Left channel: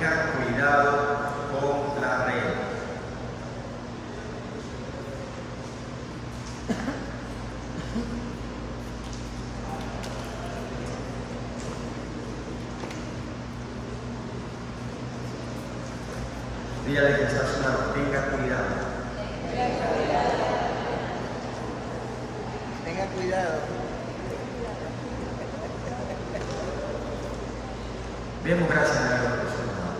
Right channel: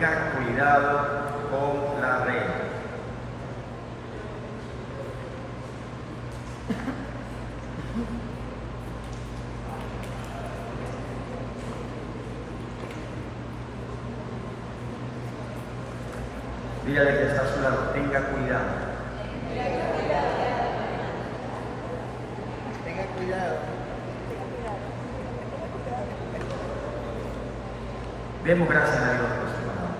tengan cuidado con la red. Dígale que está a su lado, tenga cuidado. Tenga cuidado. Demos gracias a Dios por su palabra.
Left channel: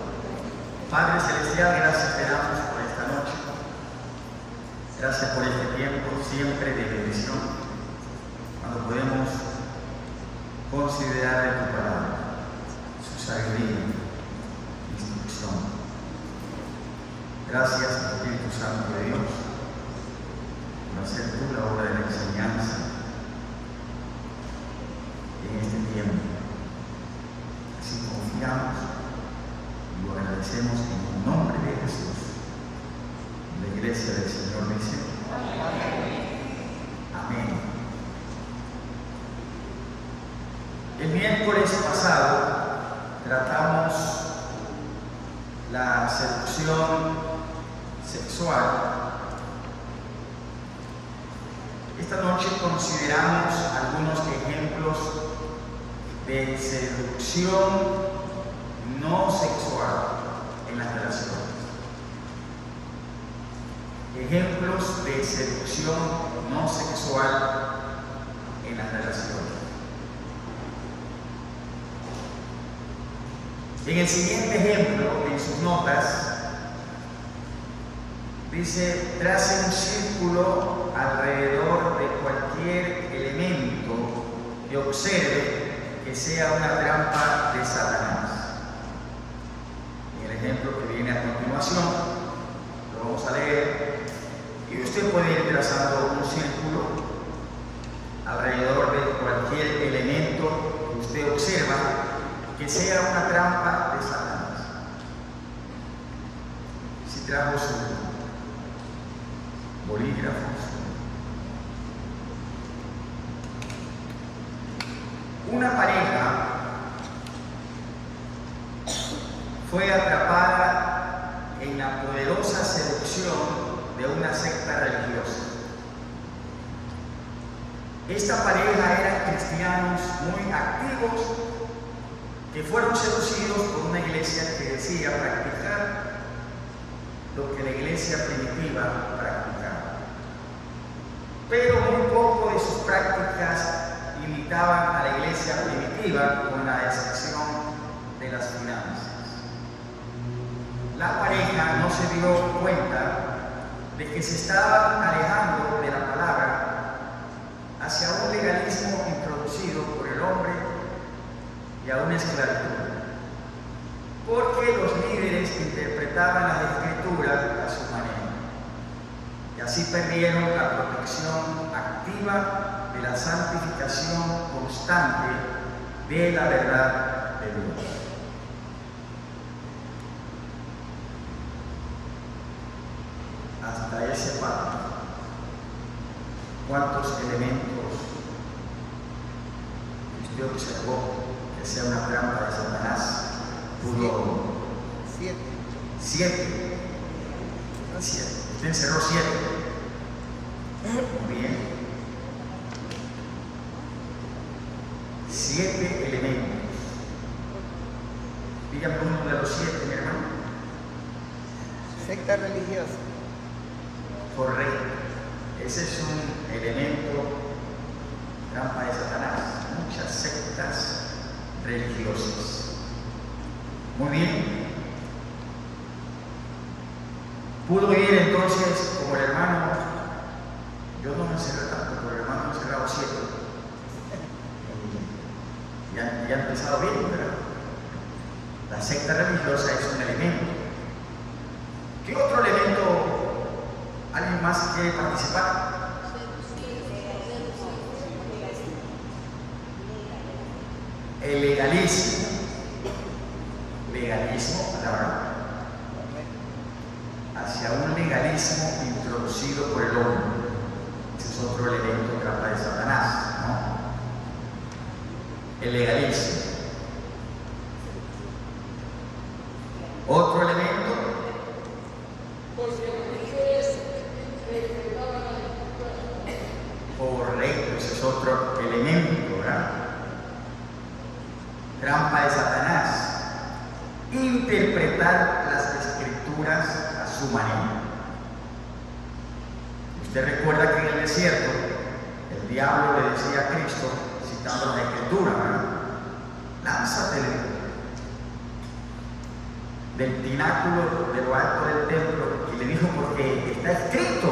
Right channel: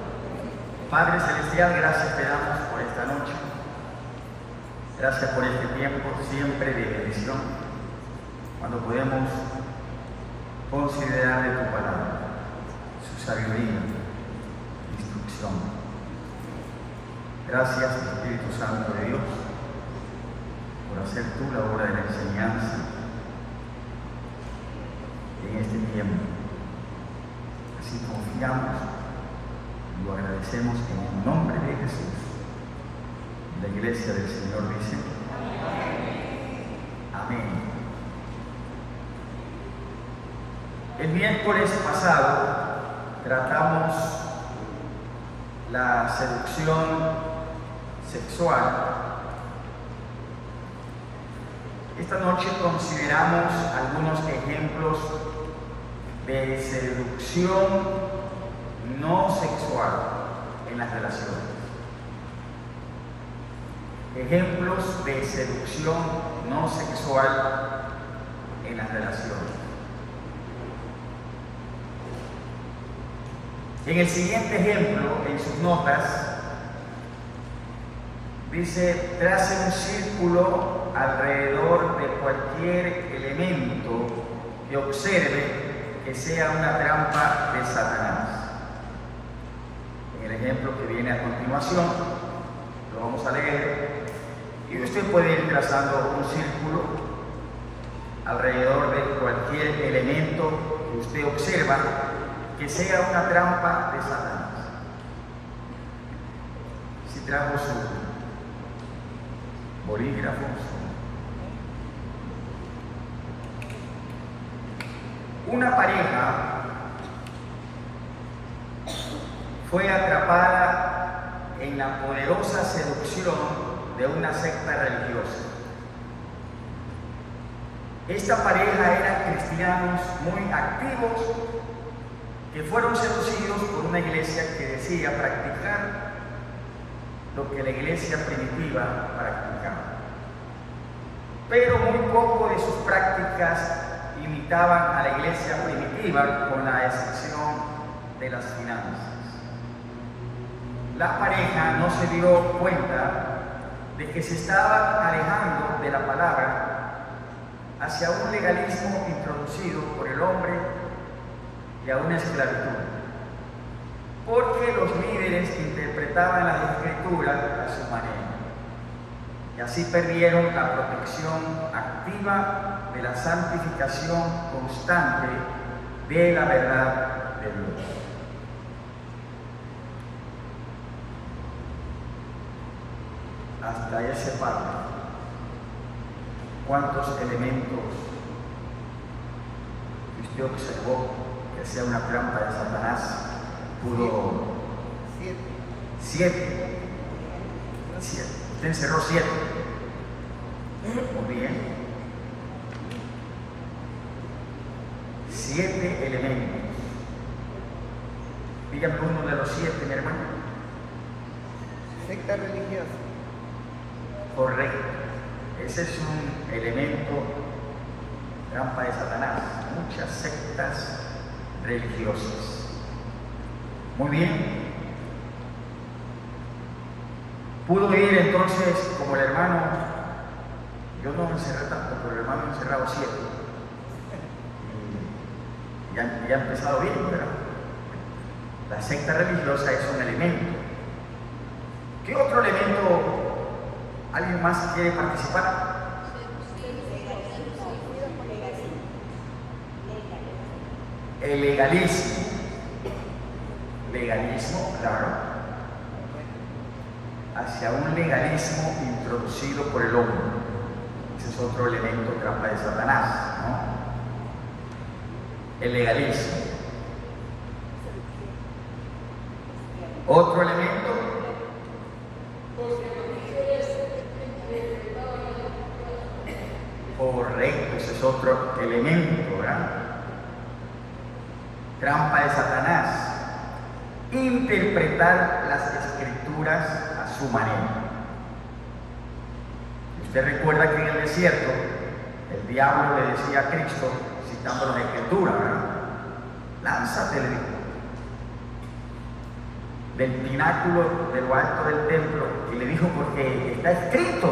Padre Celestial, gracias te damos por esta noche. Gracias por este tiempo siempre de bendición, cuando podemos considerar de tu palabra, su sabiduría, instrucción. Gracias, Espíritu Santo de Dios, por hacer tú la obra de la enseñanza en este tiempo. Así confiamos y lo agradecemos en el nombre de Jesús, en la iglesia del Señor dice. Amén. El miércoles pasado tratamos la seducción sexual. Esta noche consideramos algunos ejemplos de seducción no sexual en las relaciones. Ejemplos de seducción no sexual en las relaciones. En el siguiente ejemplo, en sus notas, dice: trace un círculo alrededor de cualquier elemento que observe que sea una trampa de Satanás. En el ejemplo que viene a continuación, lo vamos a leer, y usted puede ir trazando un círculo alrededor de cualquier elemento que usted observa que sea una trampa de Satanás. Si trajo su bolígrafos. Una pareja fue atrapada en la poderosa seducción de una secta religiosa. Esta pareja eran cristianos muy activos que fueron seducidos por una iglesia que decía practicar lo que la iglesia primitiva practicaba. Pero muy poco de sus prácticas limitaban a la iglesia primitiva, con la excepción de las finanzas. La pareja no se dio cuenta de que se estaba alejando de la palabra hacia un legalismo introducido por el hombre y a una esclavitud, porque los líderes interpretaban las escrituras a su manera, y así perdieron la protección activa de la santificación constante de la verdad de Dios. Hasta ese pacto, ¿cuántos elementos usted observó que sea una trampa de Satanás? Pudo 7. Usted encerró 7. Muy bien. 7 elementos. Díganme uno de los 7, mi hermano. Secta religiosa. Correcto. Ese es un elemento trampa de Satanás. Muchas sectas religiosas. Muy bien. Pudo ir entonces, como el hermano, yo no me encerré tanto, pero el hermano me encerrado 7. Ya ha empezado bien, ¿verdad? La secta religiosa es un elemento. ¿Qué otro elemento? ¿Alguien más quiere participar? El legalismo. Legalismo, claro. Hacia un legalismo introducido por el hombre. Ese es otro elemento trampa de Satanás, ¿no? El legalismo. Otro elemento. Correcto, ese es otro elemento, ¿verdad? Trampa de Satanás. Interpretar las escrituras a su manera. Usted recuerda que en el desierto el diablo le decía a Cristo, citando la escritura, ¿verdad? Lánzate del pináculo de lo alto del templo, y le dijo, porque está escrito.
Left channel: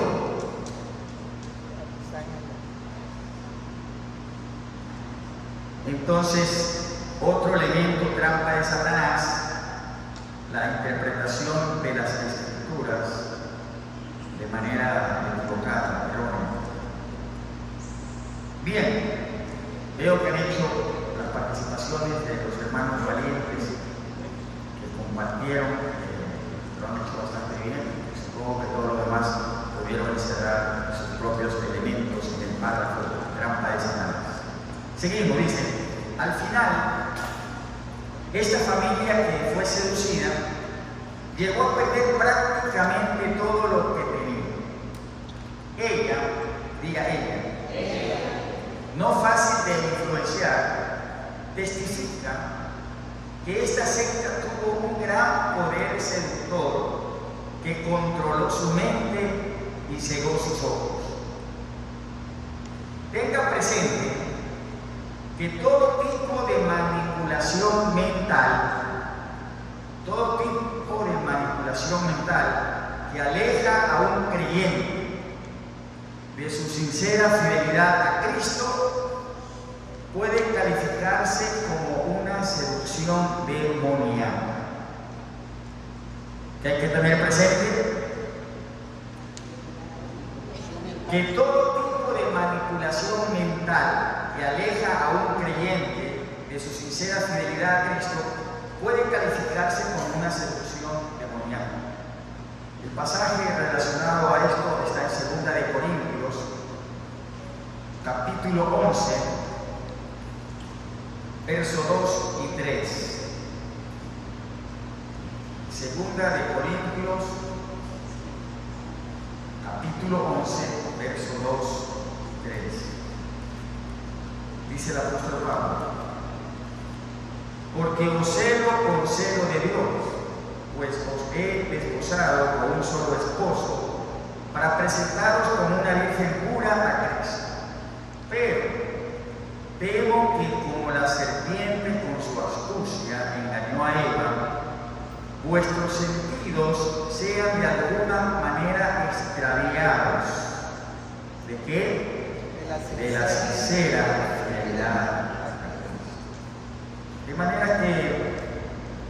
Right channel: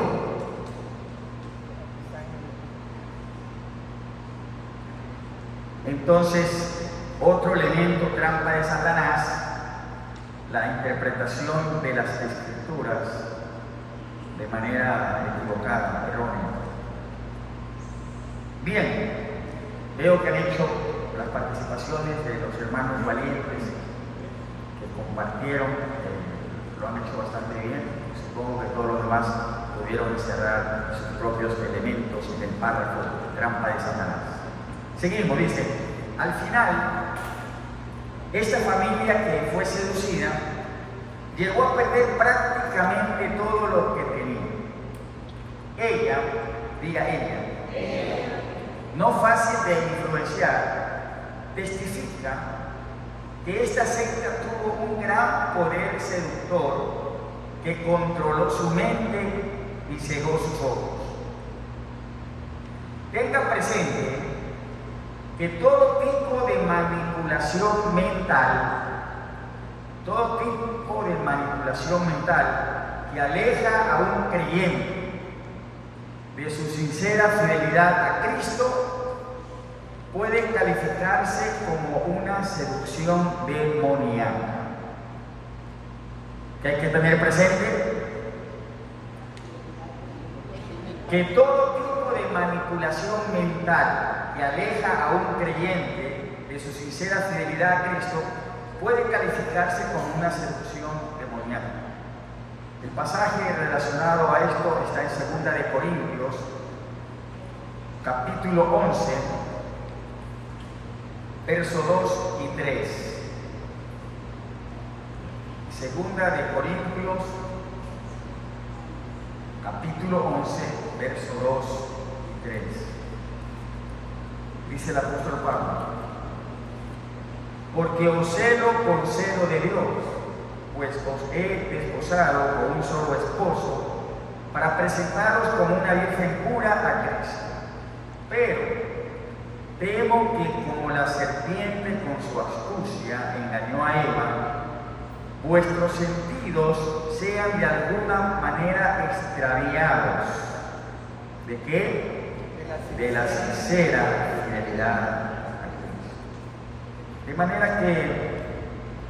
Entonces, otro elemento trampa de Satanás, la interpretación de las escrituras de manera equivocada, errónea. Bien, veo que han hecho las participaciones de los hermanos valientes que compartieron, lo han hecho bastante bien. Supongo que todos los demás pudieron cerrar sus propios elementos en el párrafo trampa de Satanás. Seguimos, dice, al final, esta familia que fue seducida llegó a perder prácticamente todo lo que tenía. Ella, diga ella, no fácil de influenciar, testifica que esta secta tuvo un gran poder seductor que controló su mente y cegó sus ojos. Tenga presente que todo tipo de manipulación mental, que aleja a un creyente de su sincera fidelidad a Cristo, puede calificarse como una seducción demoníaca. ¿Qué hay que tener presente? Que todo tipo de manipulación mental que aleja a un creyente de su sincera fidelidad a Cristo puede calificarse como una seducción demoníaca. El pasaje relacionado a esto está en 2 de Corintios, capítulo 11, versos 2 y 3. 2 de Corintios, capítulo 11, verso 2 y 3. Dice el apóstol Pablo: porque os celo con celo de Dios, pues os he desposado con un solo esposo, para presentaros como una virgen pura a Cristo. Pero temo que como la serpiente con su astucia engañó a Eva, vuestros sentidos sean de alguna manera extraviados. ¿De qué? De la sincera fidelidad. De manera que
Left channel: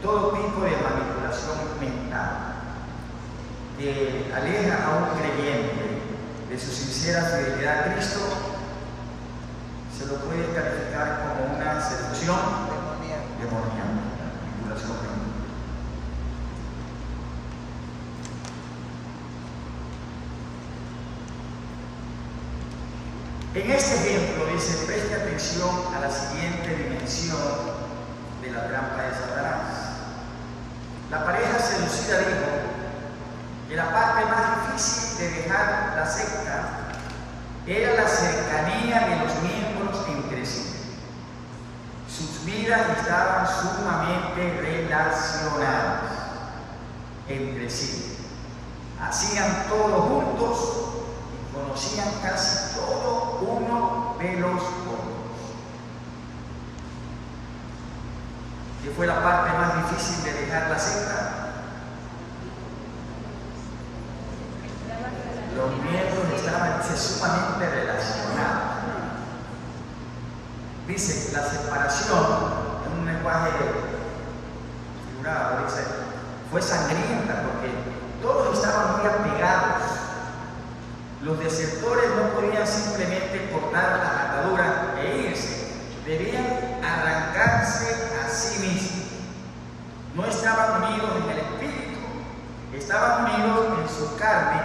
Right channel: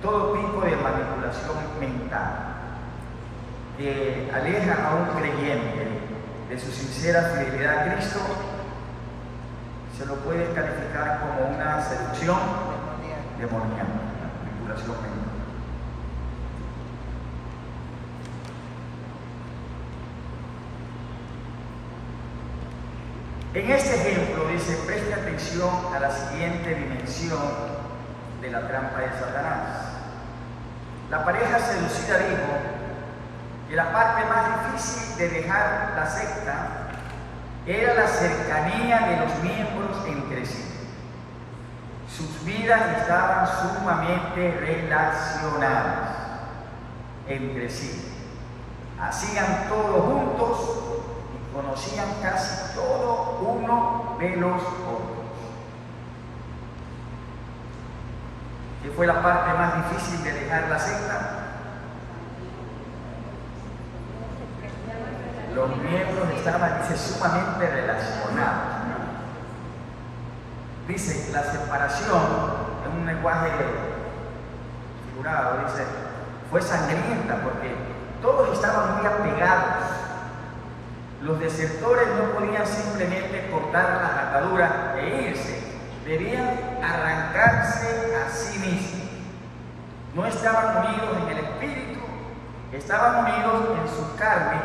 todo tipo de manipulación mental que aleja a un creyente de su sincera fidelidad a Cristo se lo puede calificar como una seducción demoníaca, manipulación mental. En este ejemplo dice, presta atención a la siguiente dimensión de la trampa de Satanás. La pareja seducida dijo que la parte más difícil de dejar la secta era la cercanía de los miembros entre sí. Sus vidas estaban sumamente relacionadas entre sí. Hacían todo juntos, conocían casi todo uno de los otros. ¿Qué fue la parte más difícil de dejar la secta? Los miembros estaban sumamente relacionados. Dice, la separación, en un lenguaje figurado, dice, fue sangrienta porque todos estaban muy apegados. Los desertores no podían simplemente cortar las ataduras e irse, debían arrancarse a sí mismos. No estaban unidos en el espíritu, estaban unidos en su carne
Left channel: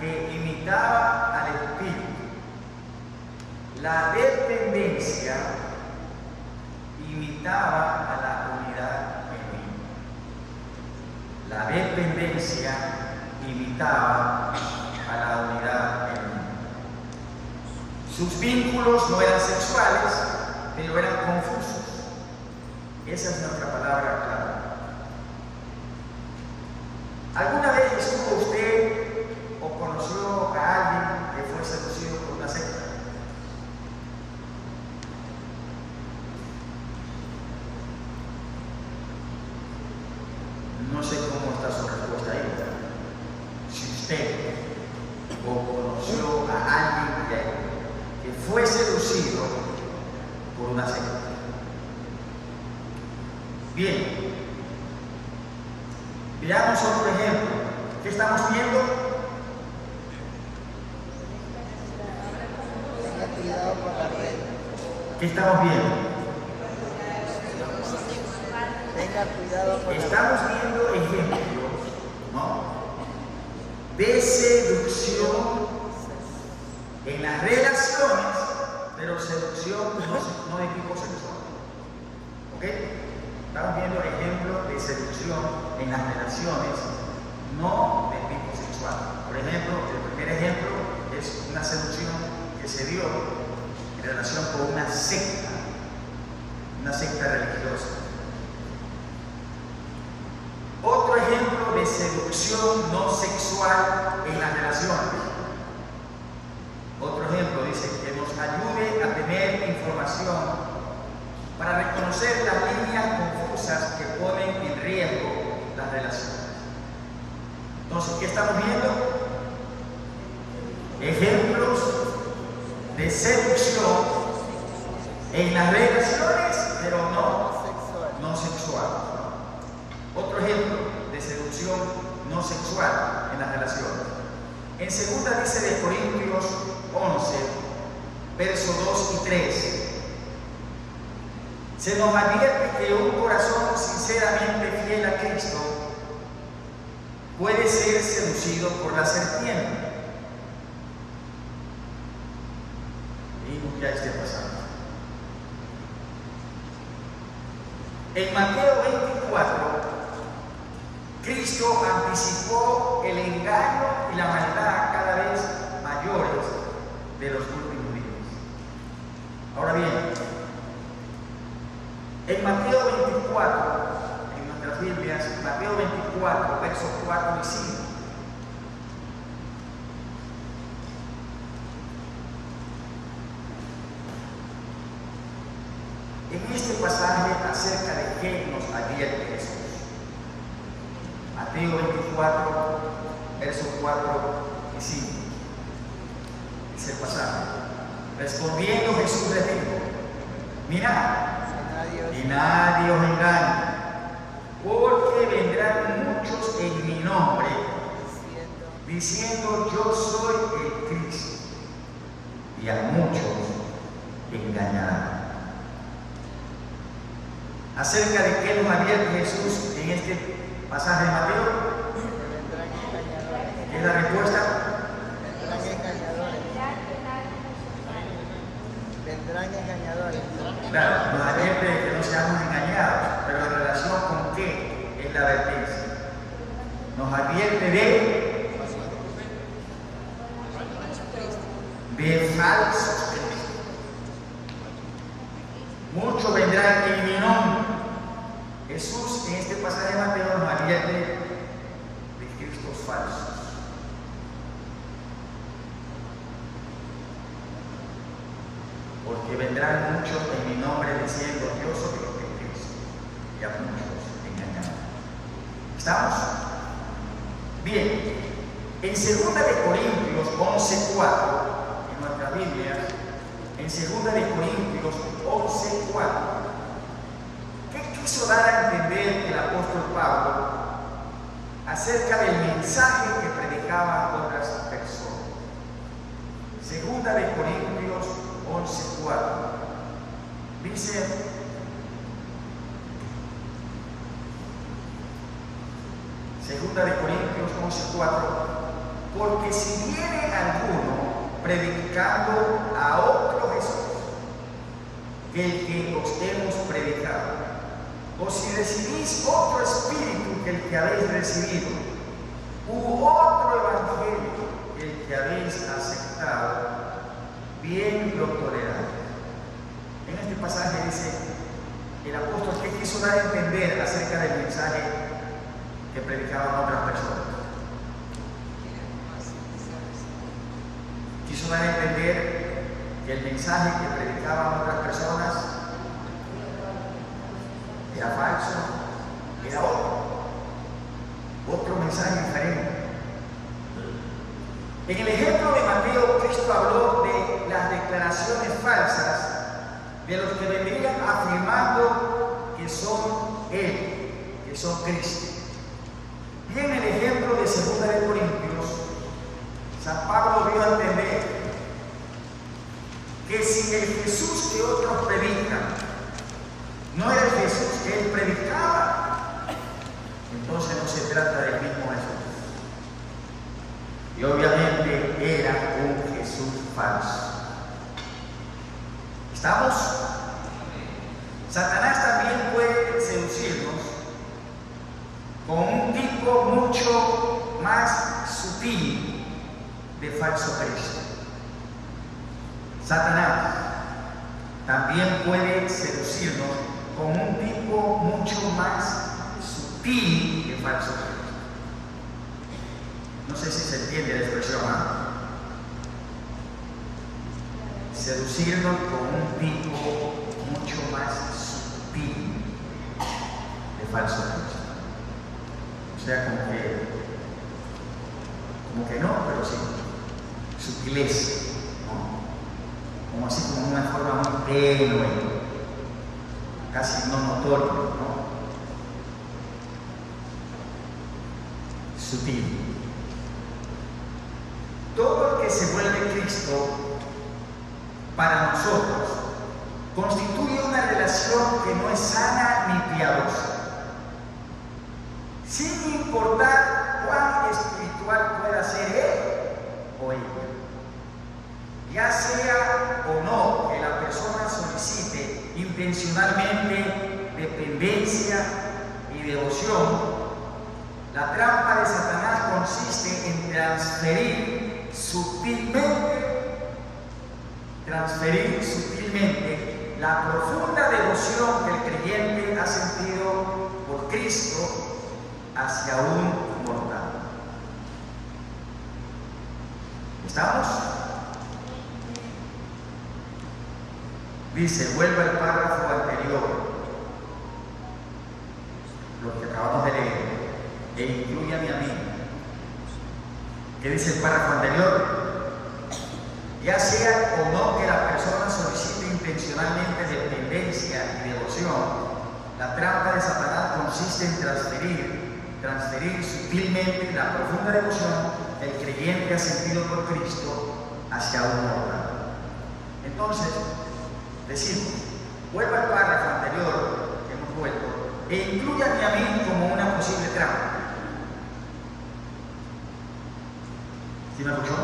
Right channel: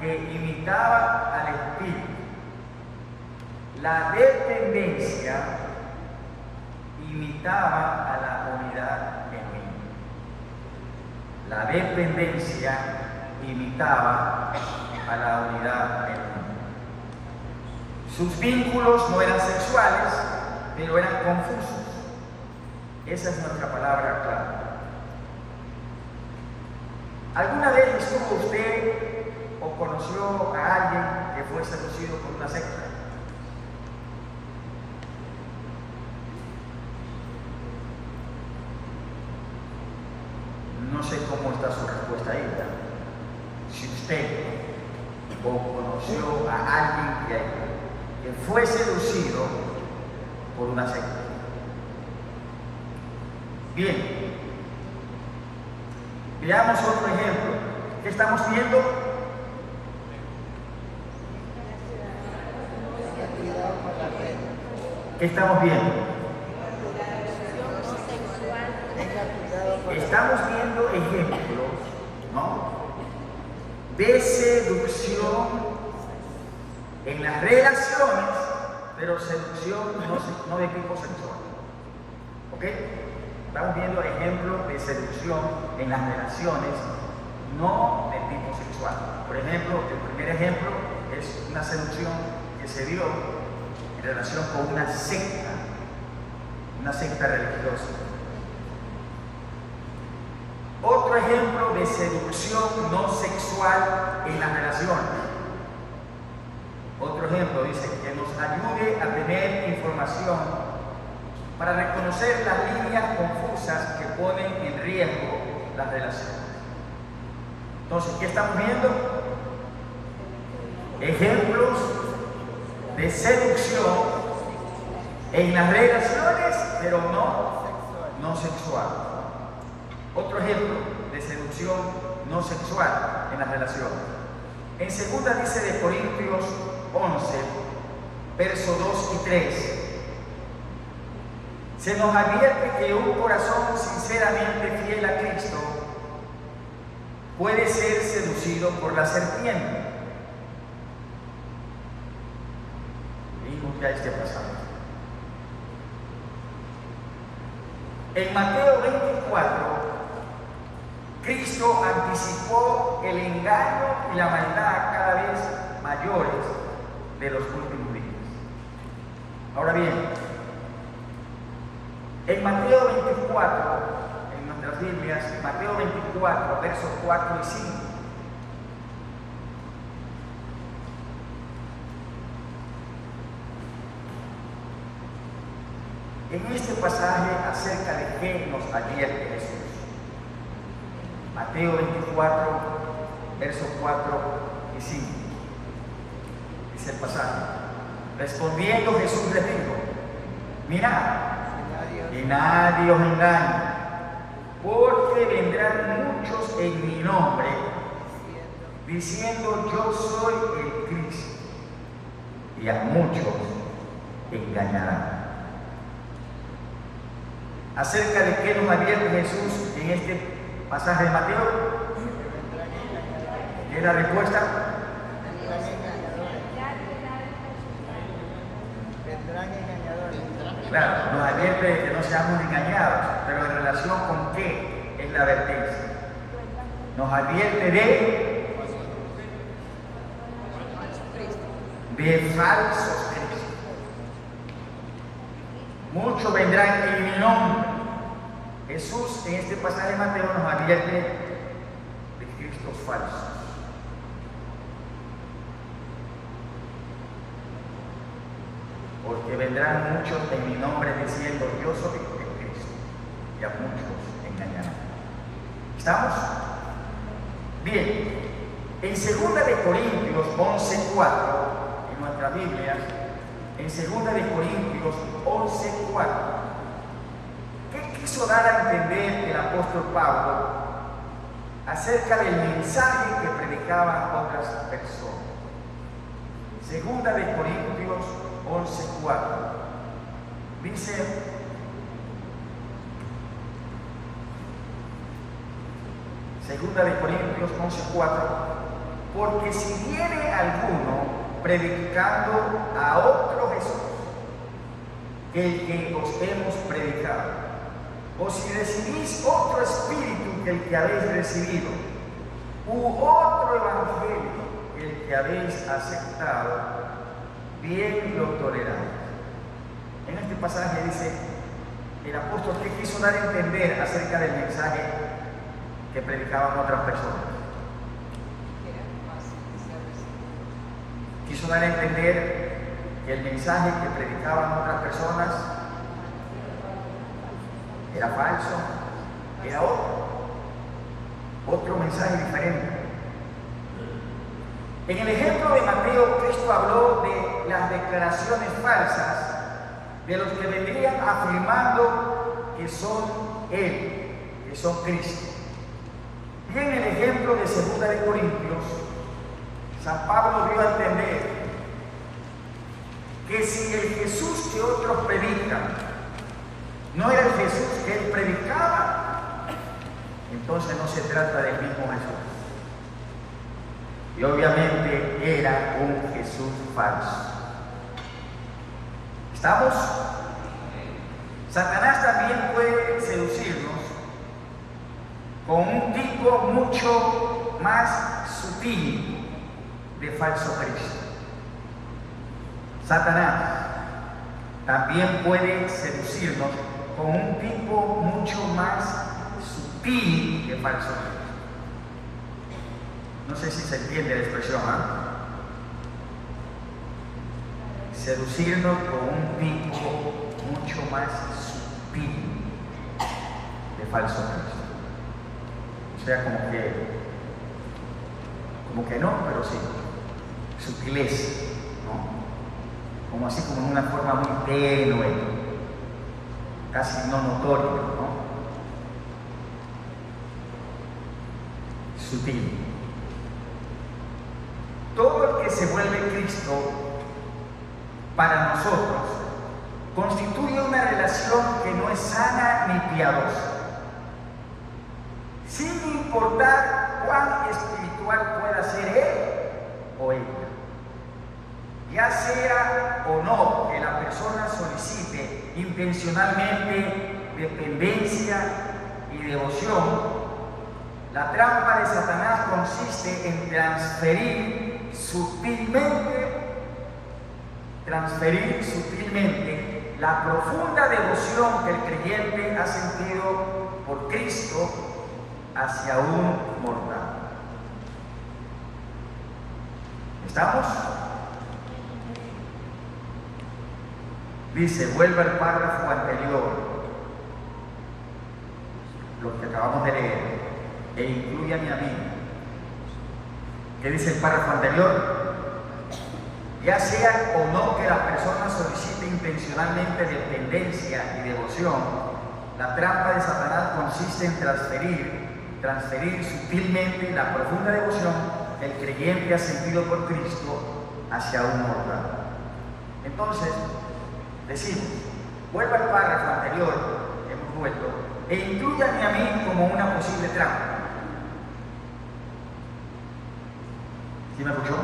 que imitaba al espíritu. La dependencia imitaba a la unidad genuina. La dependencia imitaba a la unidad del mundo. Sus vínculos no eran sexuales, pero eran confusos. Esa es nuestra palabra clave. ¿Alguna vez estuvo usted o conoció a alguien que fue seducido por una secta? No sé cómo está su respuesta ahí, ¿verdad? Si usted o conoció a alguien que fue seducido por una secta. Bien, veamos otro ejemplo. ¿Qué estamos viendo? ¿Qué estamos viendo? Estamos viendo ejemplos, ¿no?, de seducción en las relaciones, pero seducción no de tipo sexual. ¿Ok? Estamos viendo ejemplos de seducción en las relaciones, no de tipo sexual. Por ejemplo, el primer ejemplo es una seducción que se dio en relación con una secta religiosa. Otro ejemplo de seducción no sexual en las relaciones. Otro ejemplo dice que nos ayude a tener información para reconocer las líneas confusas que ponen en riesgo las relaciones. Entonces, ¿qué estamos viendo? Ejemplos de seducción en las relaciones, pero no sexual. Otro ejemplo de seducción no sexual en las relaciones. En 2 de Corintios 11, versos 2 y 3, se nos advierte que un corazón sinceramente fiel a Cristo puede ser seducido por la serpiente. Y nunca esté pasando. En Mateo 24, Cristo anticipó el engaño y la maldad cada vez mayores de los últimos días. Ahora bien, en Mateo 24, en nuestras Biblias, Mateo 24, versos 4 y 5, en este pasaje acerca de qué nos advierte Jesús. Mateo 24, versos 4 y 5. Dice el pasaje: respondiendo Jesús les dijo: mirad, y nadie os engañe, porque vendrán muchos en mi nombre, diciendo yo soy el Cristo, y a muchos engañarán. Acerca de qué nos advierte Jesús en este pasaje de Mateo, ¿qué es la respuesta? Claro, nos advierte de que no seamos engañados, pero en relación con qué es la advertencia. Nos advierte de falsos cristos. Muchos vendrán en mi nombre. Jesús en este pasaje de Mateo nos advierte de cristos falsos. Porque vendrán muchos en mi nombre diciendo yo soy el Cristo, y a muchos engañarán. ¿Estamos? Bien, en 2 de Corintios 11:4, en nuestra Biblia, en 2 de Corintios 11:4, ¿qué quiso dar a entender el apóstol Pablo acerca del mensaje que predicaban otras personas? 2 de Corintios 11:4 dice: Segunda de Corintios 11:4, porque si viene alguno predicando a otro Jesús que el que os hemos predicado, o si recibís otro espíritu que el que habéis recibido, u otro evangelio que el que habéis aceptado, bien lo toleráis. En este pasaje dice el apóstol que quiso dar a entender acerca del mensaje que predicaban otras personas. Quiso dar a entender que el mensaje que predicaban otras personas era falso, era otro mensaje diferente. En el ejemplo de Mateo, Cristo habló de las declaraciones falsas de los que vendrían afirmando que son Él, que son Cristo. Y en el ejemplo de 2 de Corintios, San Pablo dio a entender que si el Jesús que otros predican no era el Jesús que él predicaba, entonces no se trata del mismo Jesús. Y obviamente era un Jesús falso. ¿Estamos? Satanás también puede seducirnos con un tipo mucho más sutil de falso Cristo. Satanás también puede seducirnos con un tipo mucho más sutil de falso Cristo. No sé si se entiende la expresión, ¿ah? Seducirnos con un tipo mucho más sutil de falso Cristo. O sea, como que no, pero sí, sutileza, ¿no? Como así como en una forma muy tenue, casi no notoria, ¿no? Sutil. Todo el que se vuelve Cristo para nosotros constituye una relación que no es sana ni piadosa. Sin importar cuán espiritual pueda ser él o ella. Ya sea o no que la persona solicite intencionalmente dependencia y devoción, la trampa de Satanás consiste en transferir sutilmente la profunda devoción que el creyente ha sentido por Cristo hacia un mortal. ¿Estamos? Dice, vuelve al párrafo anterior, lo que acabamos de leer, e incluye a mi amigo. ¿Qué dice el párrafo anterior? Ya sea o no que la persona solicite intencionalmente dependencia y devoción, la trampa de Satanás consiste en transferir sutilmente la profunda devoción del creyente ha sentido por Cristo hacia un mortal. Entonces, decimos, vuelva al párrafo anterior que hemos vuelto, e incluyanme a mí como una posible trampa. ¿Sí me escuchó?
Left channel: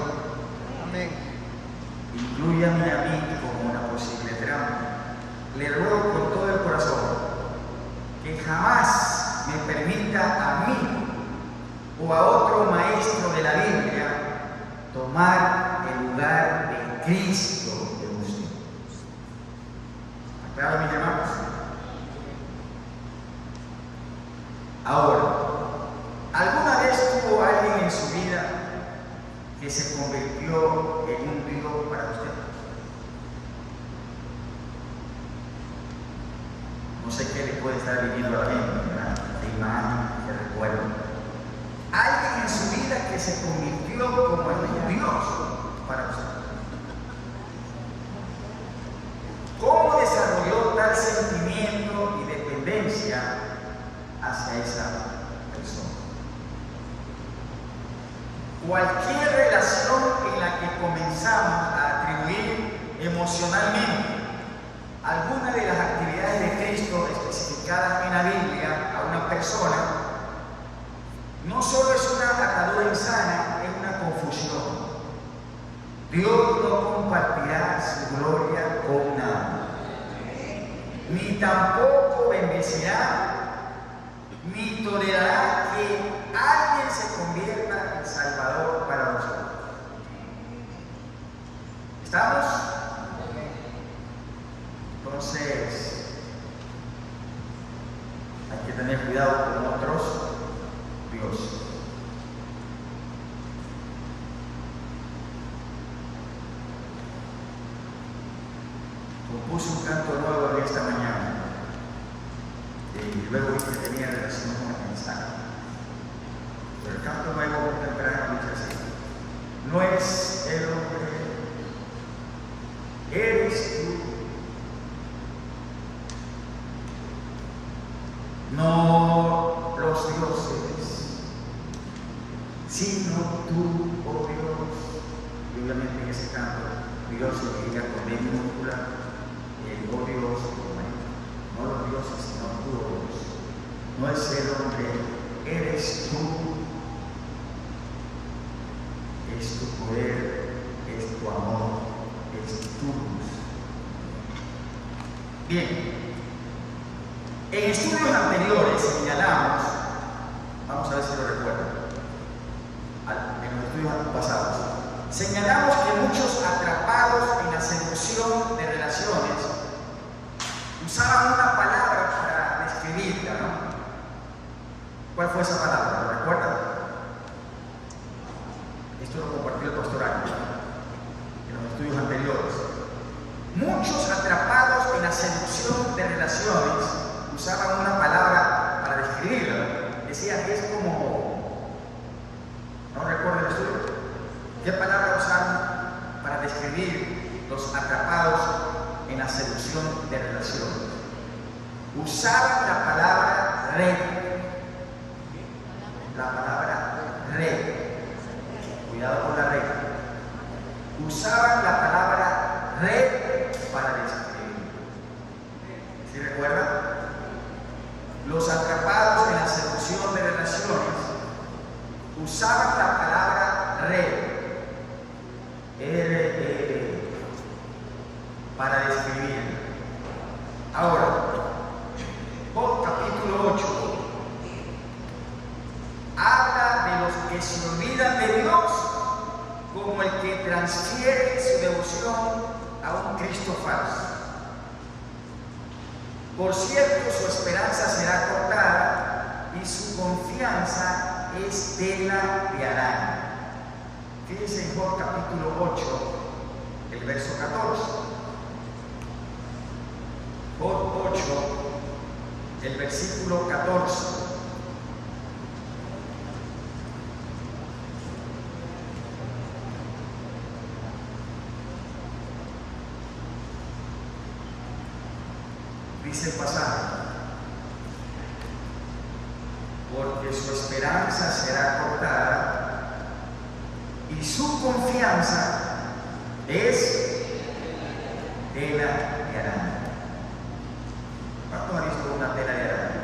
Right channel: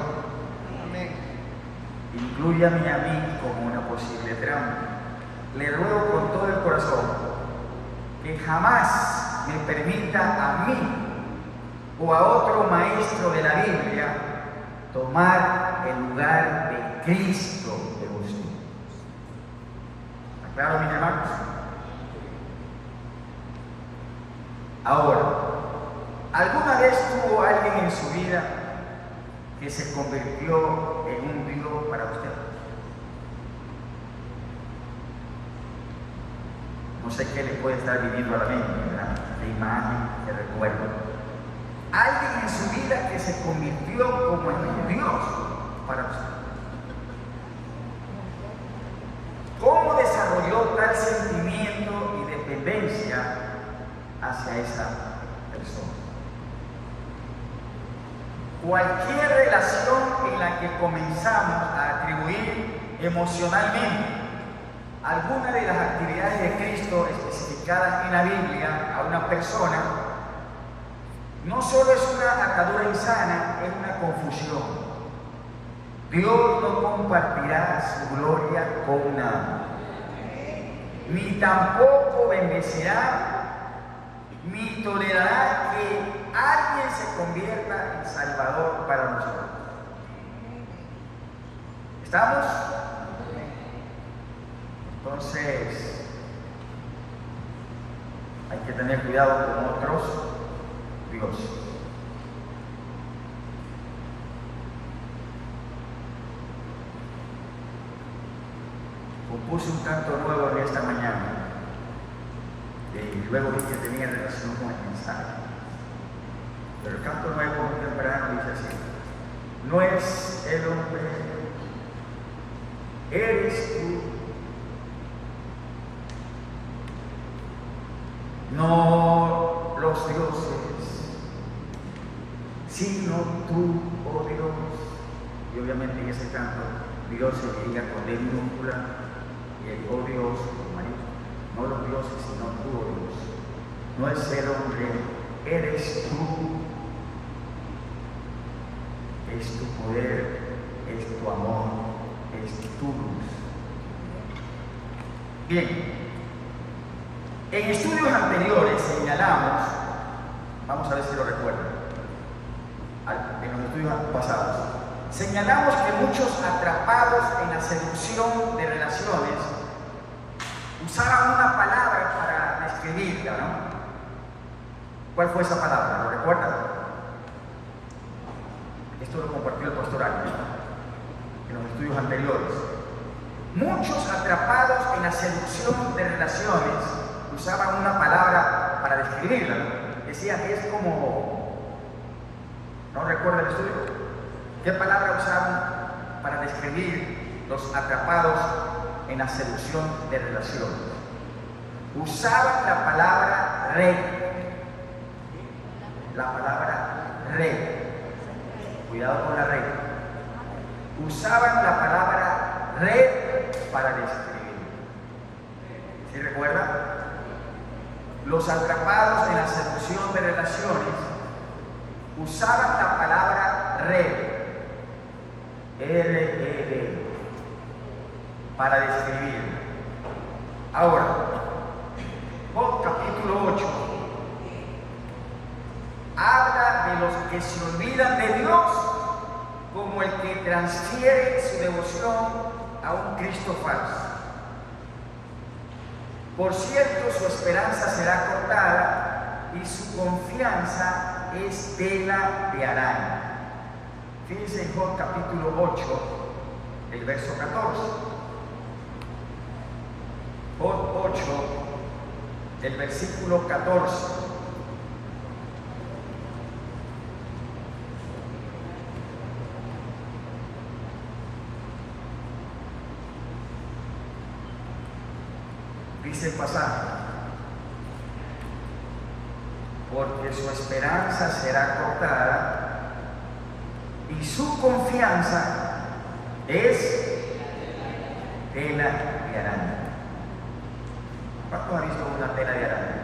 Inclúyame a mí como una posible trampa. Le ruego con todo el corazón que jamás me permita a mí o a otro maestro de la Biblia tomar el lugar de Cristo de usted. ¿Aclaro, mis hermanos? Ahora, ¿alguna vez tuvo alguien en su vida que se convirtió en un Dios para usted? No sé qué le puede estar viviendo a la mente, ¿verdad? De imagen, de recuerdo. Alguien en su vida que se convirtió como en un Dios para usted. ¿Cómo desarrolló tal sentimiento y dependencia hacia esa persona? Cualquier relación en la que comenzamos a atribuir emocionalmente alguna de las actividades de Cristo especificadas en la Biblia a una persona, no solo es una atadura insana, es una confusión. Dios no compartirá su gloria con nadie. ni tampoco bendecirá, ni tolerará que alguien se convierta en Salvador para nosotros. ¿Estamos? Entonces, hay que tener cuidado con otros dioses. Compuse un canto nuevo de esta mañana y luego vi que tenía relación con el mensaje. Pero el canto nuevo muy temprano dice así: no es el hombre, eres tú. No los dioses, sino tú, oh Dios. Y obviamente en ese canto Dios se diga con B minúscula, oh Dios, no los dioses, sino tú, oh Dios. No es el hombre, eres tú. Es tu poder, es tu amor, es tu luz. Bien. En estudios anteriores señalamos, vamos a ver si lo recuerdan, en los estudios pasados, señalamos que muchos atrapados en la seducción de relaciones usaban una palabra para describirla, ¿no? ¿Cuál fue esa palabra? ¿Lo recuerdan? Esto lo compartió el pastor Ángel, ¿no? En los estudios anteriores. Muchos atrapados en la seducción de relaciones usaban una palabra para describirla, ¿no? Decía que es como, no recuerdo el estudio, ¿qué palabra usaron para describir los atrapados en la seducción de relaciones? Usaban la palabra red. La palabra red. Cuidado con la red. Usaban la palabra red para describir. ¿Sí recuerdan? Los atrapados en la seducción de relaciones usaban la palabra red, para describir. Ahora, Job capítulo 8 habla de los que se olvidan de Dios como el que transfiere su devoción a un Cristo falso. Por cierto, su esperanza será cortada y su confianza es tela de araña. Fíjense en Job capítulo 8, el verso 14. Job 8, el versículo 14. Dice el pasaje: porque su esperanza será cortada y su confianza es tela de araña. ¿Cuántos han visto una tela de araña?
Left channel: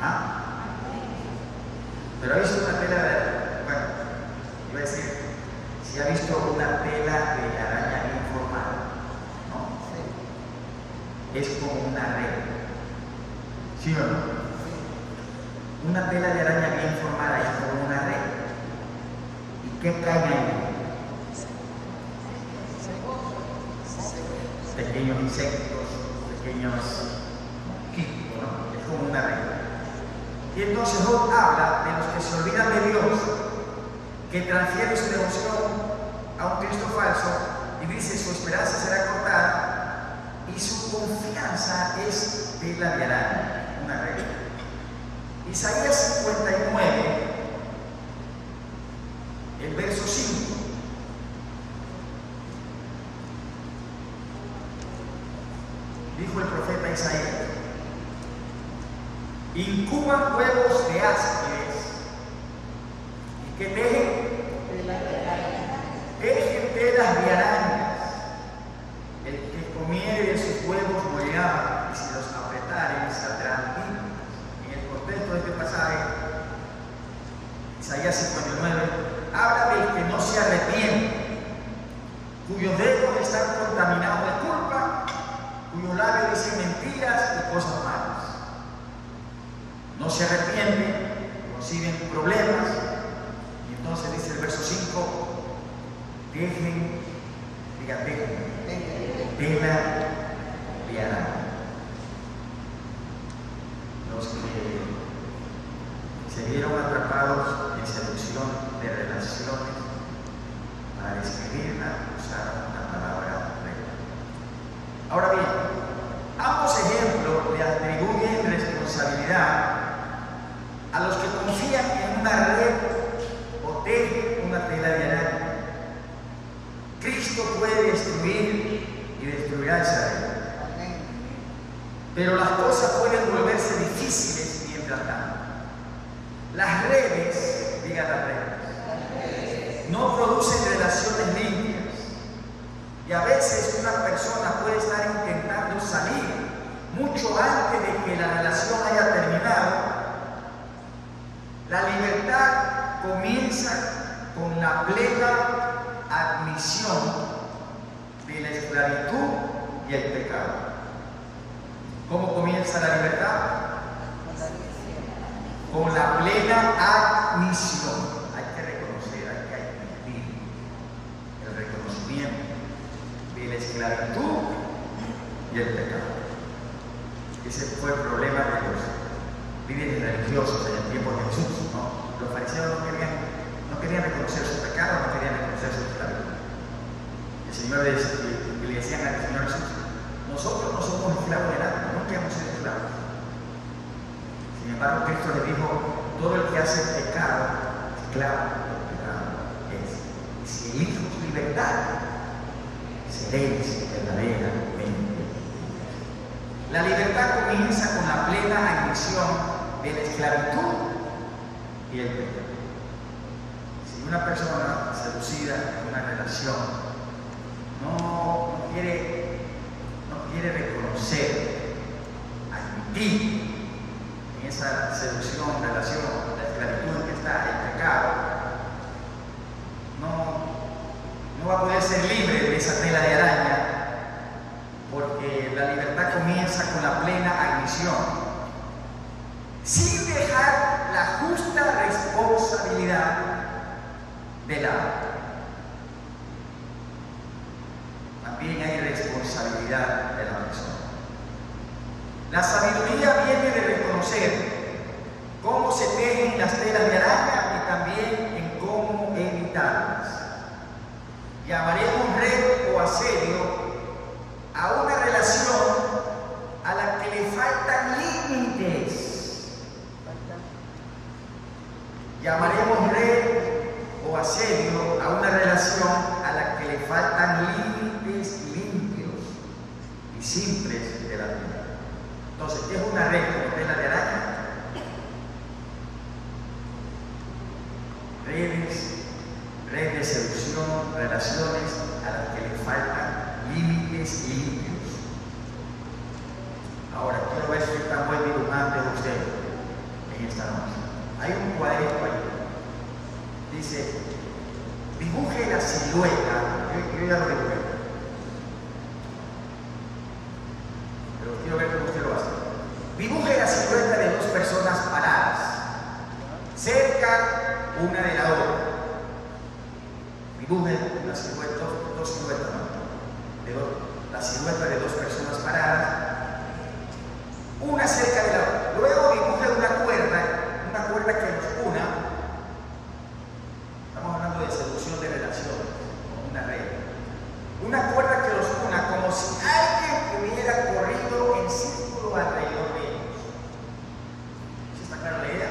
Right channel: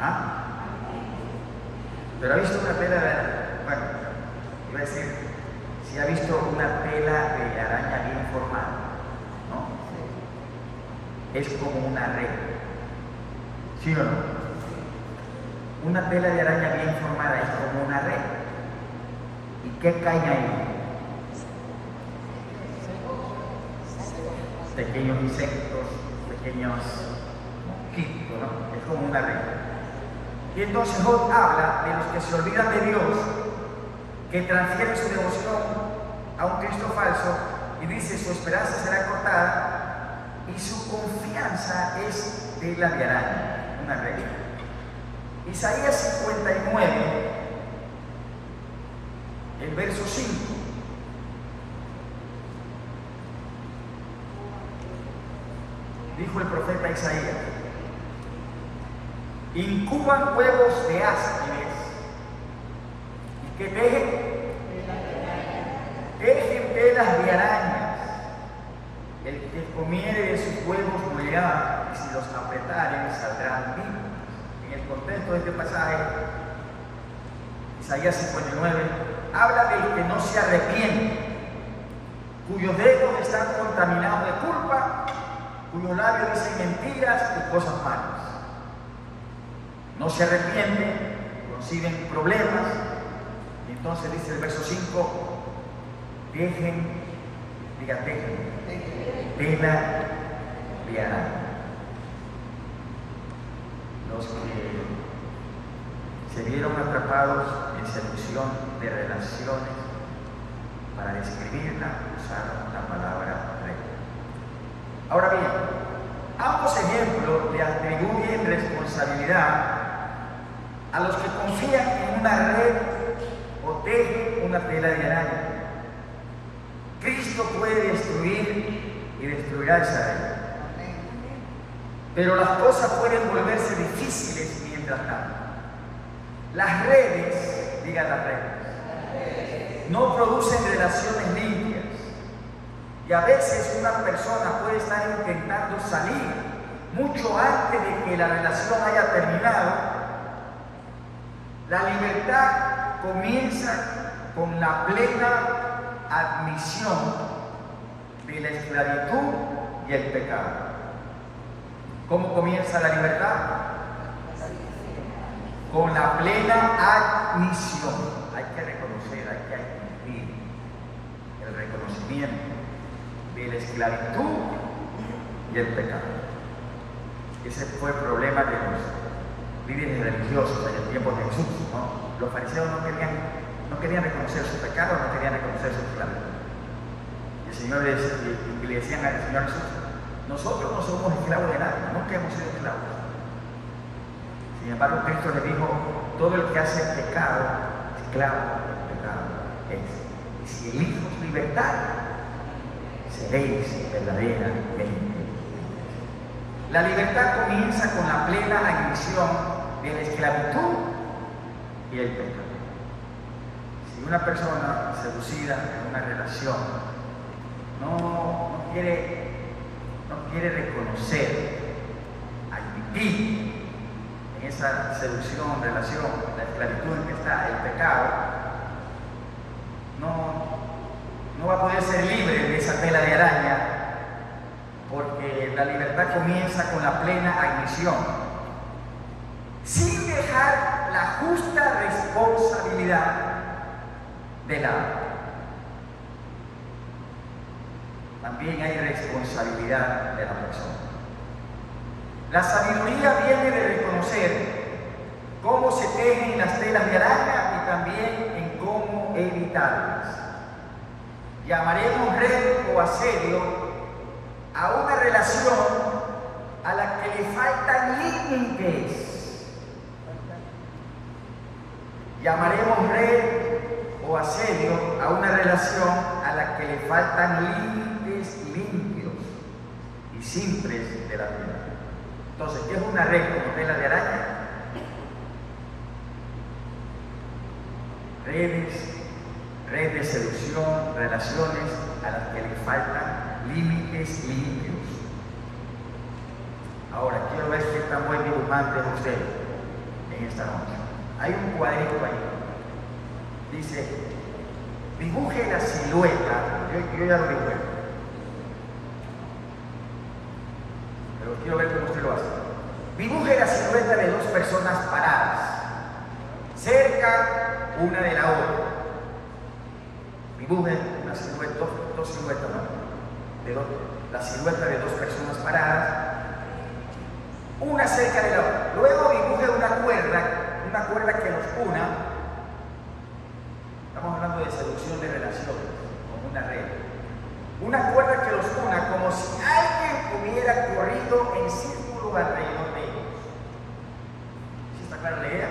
¿Ah? ¿Pero ha visto una tela de araña? Bueno, voy a decir, si ha visto una tela de araña bien formada, ¿no? Es como una red. ¿Sí o no? Una tela de araña bien formada es como una red. ¿Y qué cae ahí? Pequeños insectos, pequeños mosquitos, ¿no? Es como una red. Y entonces Job habla de los que se olvidan de Dios, que transfieren su devoción a un Cristo falso, y dice: su esperanza será cortada y su confianza es tela de araña, una red. Isaías 59, el verso 5. Dijo el profeta Isaías: incuban huevos de áspides y que tejen telas de arañas. El que comiere sus huevos morirá, y si los apretaren saldrán vivos. En el contexto de este pasaje, Isaías 59 habla del que no se arrepiente, cuyos dedos están contaminados de culpa, cuyos labios dicen mentiras y cosas malas. No se arrepienten, consiguen problemas. Y entonces dice el verso 5, dejen tela de araña. Los que se vieron atrapados en seducción de relaciones, para describirla usaron la palabra red. Ahora bien, ambos ejemplos le atribuyen responsabilidad a los que confían en una red o tejen una tela de araña. Cristo puede destruir y destruirá esa red. Pero las cosas pueden volverse difíciles mientras tanto. Las redes, digan las redes, no producen relaciones limpias. Y a veces una persona puede estar intentando salir mucho antes de que la relación haya terminado. La libertad comienza con la plena admisión de la esclavitud y el pecado. ¿Cómo comienza la libertad? Con la plena admisión. Hay que reconocer, hay que admitir el reconocimiento de la esclavitud y el pecado. Ese fue el problema de los líderes religiosos en el tiempo de Jesús, ¿no? Los fariseos no querían reconocer su pecado, no querían reconocer su esclavitud. El Señor le decían al Señor Jesús: nosotros no somos esclavos de nadie, nunca hemos sido esclavos. Sin embargo, Cristo le dijo: todo el que hace pecado, esclavo del pecado es. Y si elijas libertad, seréis verdaderamente. La libertad comienza con la plena admisión de la esclavitud y el pecado. Si una persona seducida en una relación no quiere reconocer, admitir en esa seducción, relación, la esclavitud en que está el pecado, no va a poder ser libre de esa tela de araña, porque la libertad comienza con la plena admisión, sin dejar la justa responsabilidad de lado. También hay responsabilidad de la persona. La sabiduría viene de reconocer cómo se tejen las telas de araña y también en cómo evitarlas. Llamaremos red o asedio a una relación a la que le faltan límites. Llamaremos red o asedio a una relación a la que le faltan límites limpios y simples de la vida. Entonces, ¿qué es una red con tela de araña? Redes de seducción, relaciones a las que le faltan límites limpios. Ahora, quiero ver si está buen dibujante de usted en esta noche. Hay un cuadrito ahí. Dice: dibuje la silueta. Yo ya lo dibujé, pero quiero ver cómo usted lo hace. Dibuje la silueta de dos personas paradas, cerca una de la otra. Dibuje la silueta, dos siluetas, ¿no? La silueta de dos personas paradas, una cerca de la otra. Luego dibuje una cuerda que los una. Estamos hablando de seducción de relaciones, como una red. Una cuerda que los una, como si alguien hubiera corrido en círculo alrededor de ellos. ¿Sí está clara la idea?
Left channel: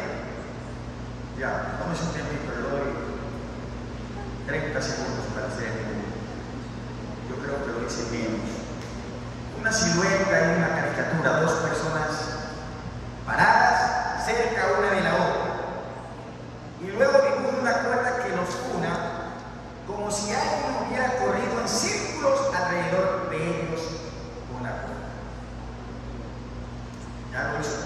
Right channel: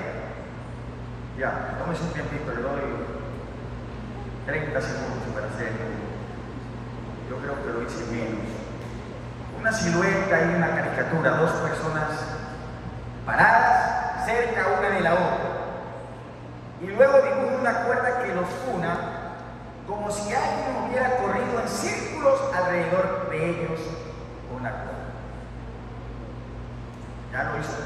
Ya, vamos un tiempito, le doy 30 segundos para hacer el. Yo creo que lo hice menos. Una silueta y una caricatura, dos personas paradas cerca una de la otra. Y luego dibuja una cuerda que los una, como si alguien hubiera corrido en círculos alrededor de ellos con la cuerda. ¿Ya lo hizo?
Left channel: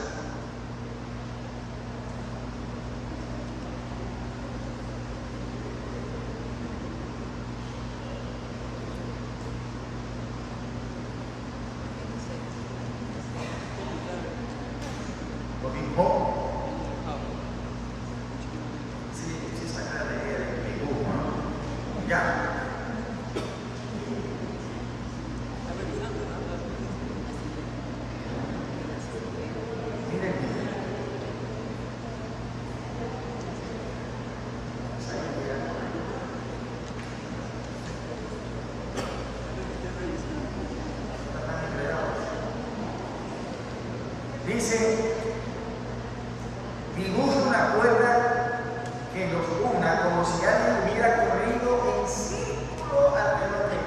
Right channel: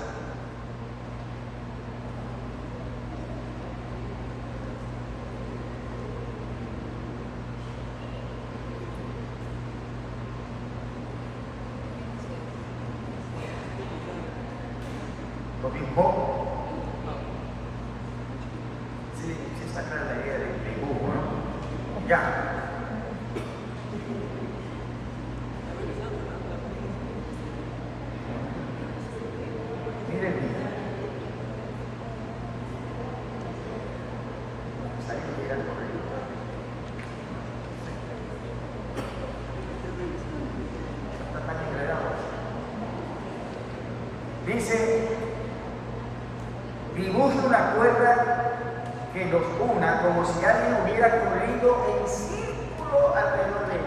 Lo mismo. Sí, saca la idea del dibujo, ¿no? Ya. Dice, dibuja una cuerda que los una como si alguien hubiera corrido en círculo alrededor de ellos.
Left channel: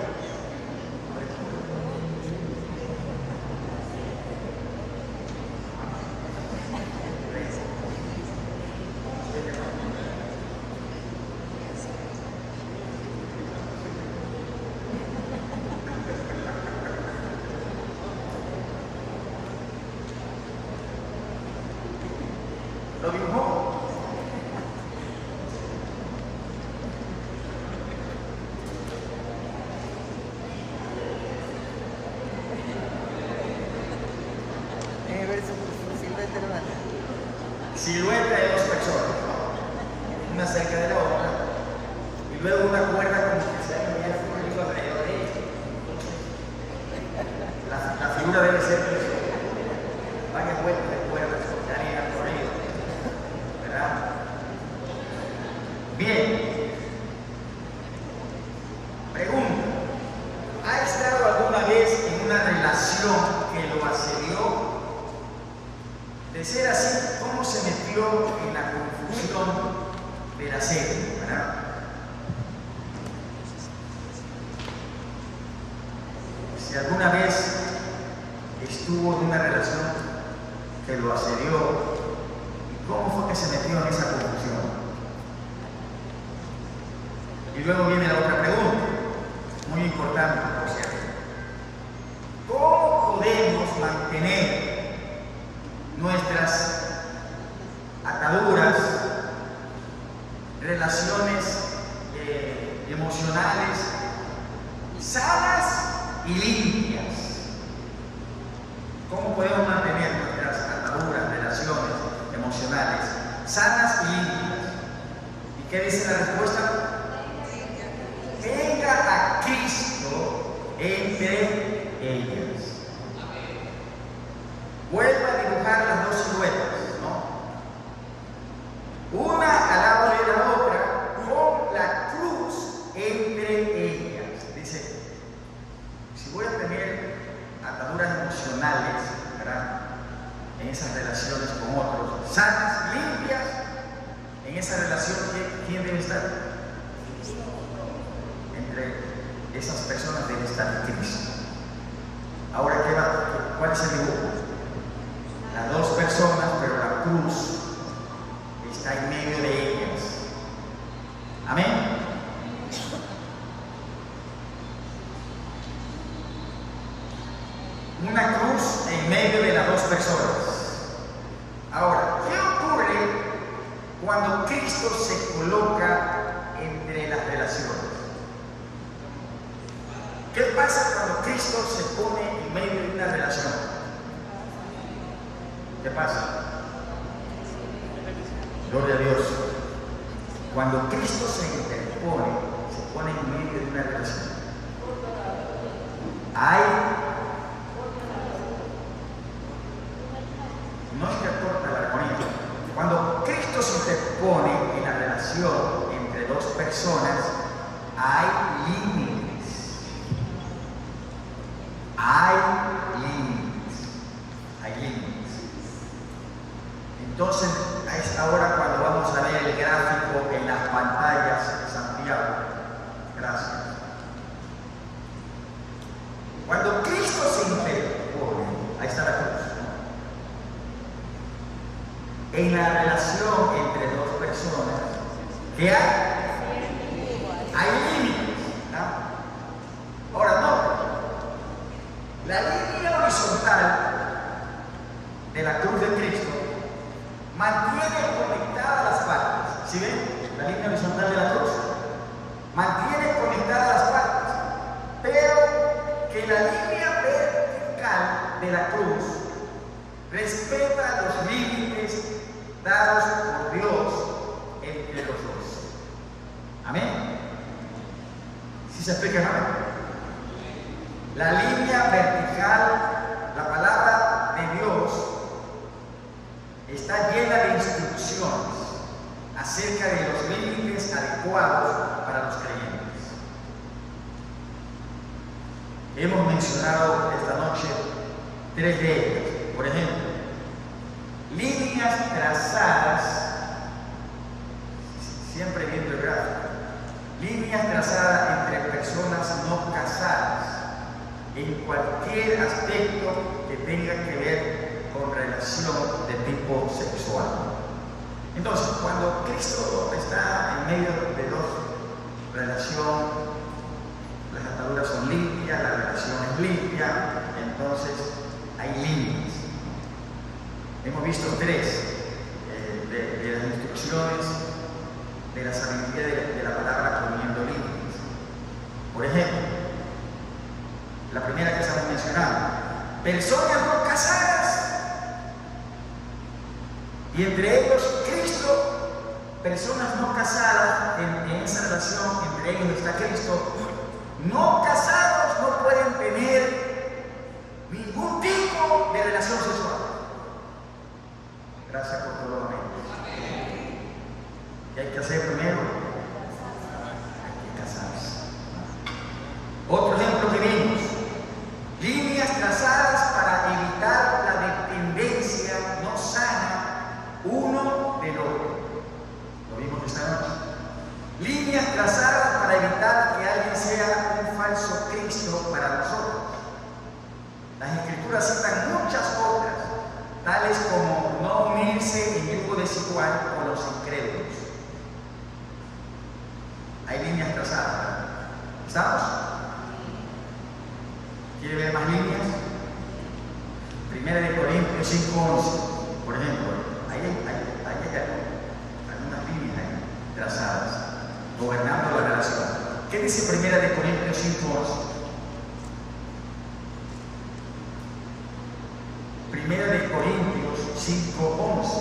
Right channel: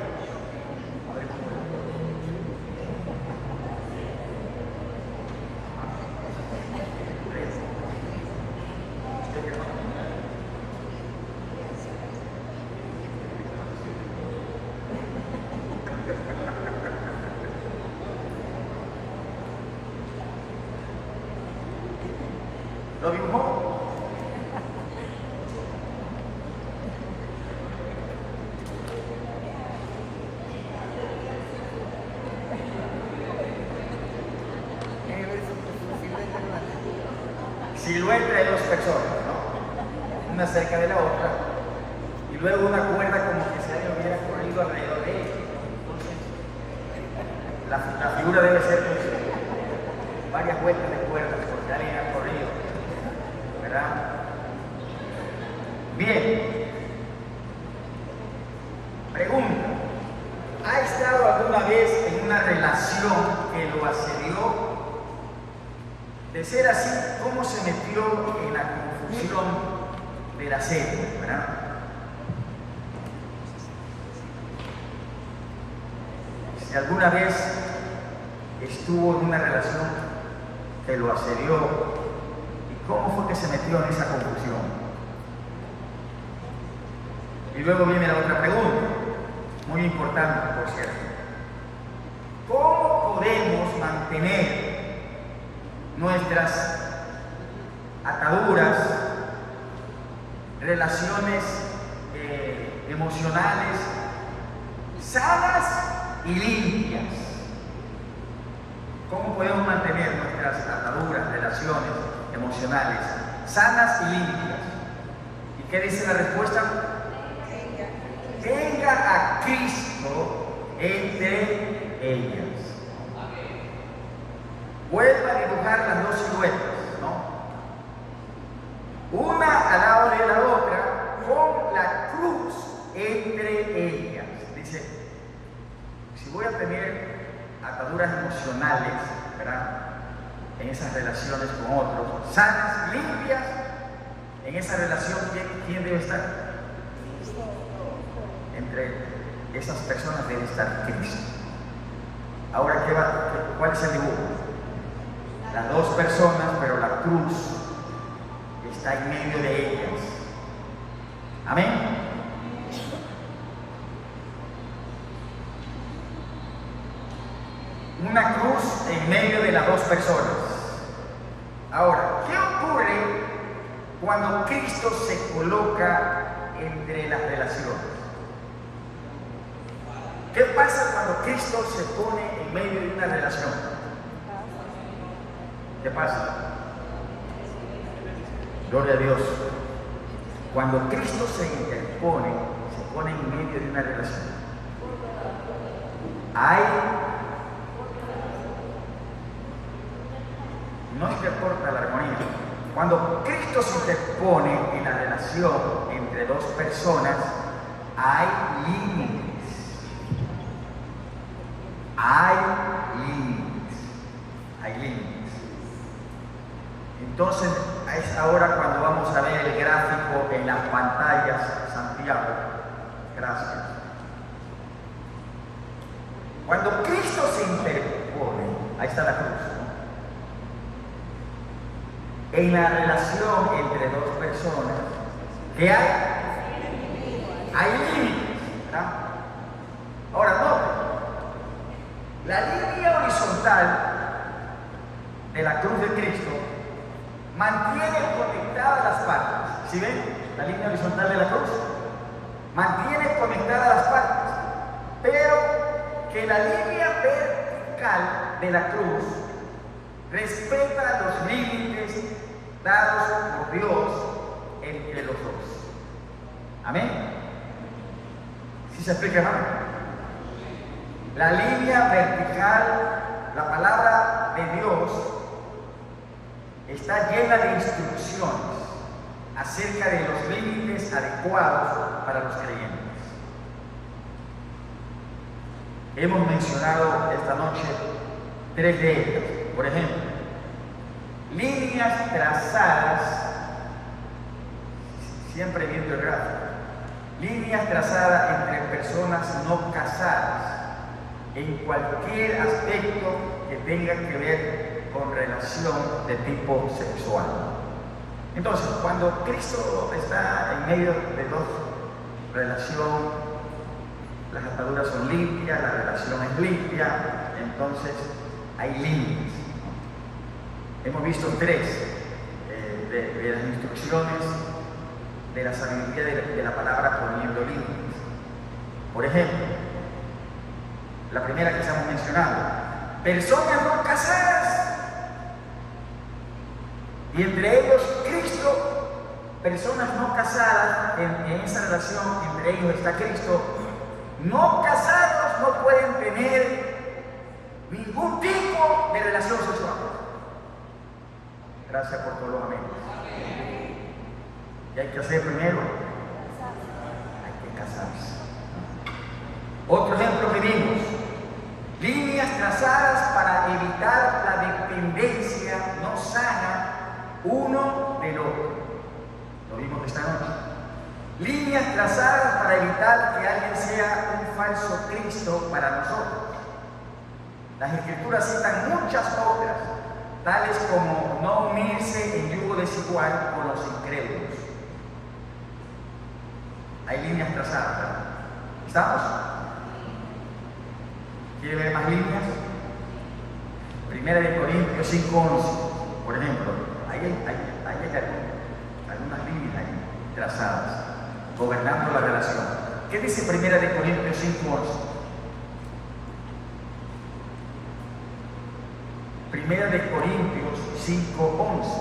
Lo dibujó. Silueta de dos personas, ¿no? Una cerca de la otra, y luego una cuerda como que se hubiera corrido alrededor de ella. La figura debe ser pues, varias vueltas de cuerdas, porque alguien ha corrido, ¿verdad? Bien. Pregunta: ¿ha estado alguna vez en una relación que lo asedió? De ser así, ¿cómo se metió en la confusión de la serie? ¿Verdad? Si alguna vez estuvo en una relación que lo asedió, ¿cómo fue que se metió en esa confusión? Y luego viene la otra pregunta, muy importante por cierto. ¿Cómo podemos mantener nuestras ataduras, relaciones emocionales sanas y limpias? ¿Cómo podemos mantener nuestras ataduras, relaciones emocionales sanas y limpias? ¿Y qué dice la respuesta? Tenga a Cristo entre ellas. Vuelva a dibujar las dos siluetas, ¿no? Una al lado de la otra, con la cruz entre ellas. Dice, si voy a tener ataduras emocionales, ¿verdad?, en esas relaciones con otros, sanas y limpias, en esa relación, ¿quién debe estar? Entre esas personas debe estar Cristo. Ahora, ¿cuál es el dibujo? Las dos personas, pero la cruz está en medio de ellas. Amén. Una cruz en medio de las dos personas. Ahora, ¿qué ocurre cuando Cristo se coloca entre las relaciones? ¿Qué pasa cuando Cristo se pone en medio de una relación? ¿Qué pasa? Gloria a Dios. Cuando Cristo se interpone, se pone en medio de una relación, no se reporta la armonía. Cuando Cristo se interpone en la relación entre dos personas, hay límites. Hay límites. Entonces, es ahora cuando vamos a ver el gráfico en las pantallas de Santiago. Gracias. Cuando Cristo se interpone, ahí está la cruz, ¿no?, en la relación entre dos personas, ¿qué hay? Hay límites, ¿verdad? Ahora, no. La línea horizontal de la cruz de Cristo mantiene conectadas las partes. ¿Sí ven? La línea horizontal de la cruz mantiene conectadas las partes, pero que la línea vertical de la cruz respeta los límites dados por Dios entre los dos. Amén. ¿Sí se explica, hermano? La línea vertical, la palabra de Dios, está llena de instrucciones acerca de los límites adecuados para los creyentes. Hemos mencionado esta noche 3 de ellas. Por ejemplo, líneas trazadas, siempre viendo el gráfico, líneas trazadas entre personas no casadas en cualquier aspecto que tenga que ver con relación de tipo sexual. Entonces, cuando Cristo está en medio de dos relaciones, las ataduras son limpias, la relación es limpia, entonces hay límites. Hemos visto 3 de las instrucciones de la sabiduría de la palabra poniendo límites. Por ejemplo, la primera que estamos mencionando, personas no casadas, y entre ellos Cristo, personas no casadas, en esa relación entre ellos está Cristo. No casados no pueden tener ningún tipo de relación sexual. Gracias por todo lo menos. ¿Qué hay que hacer primero? Hay que casarse. Otro ejemplo que vimos: líneas trazadas para evitar la dependencia no sana uno del otro. Lo vimos esta noche. Líneas trazadas para evitar que alguien sea un falso Cristo para nosotros. Las Escrituras citan muchas otras, tales como no unirse en yugo desigual con los incrédulos. Hay líneas trazadas, ¿verdad? ¿Estamos? ¿Quiere ver más líneas? 1 Corintios 5:11, por ejemplo. Hay algunas líneas ahí trazadas, gobernando la relación. ¿Qué dice 1 Corintios 5:11? 1 Corintios 5:11.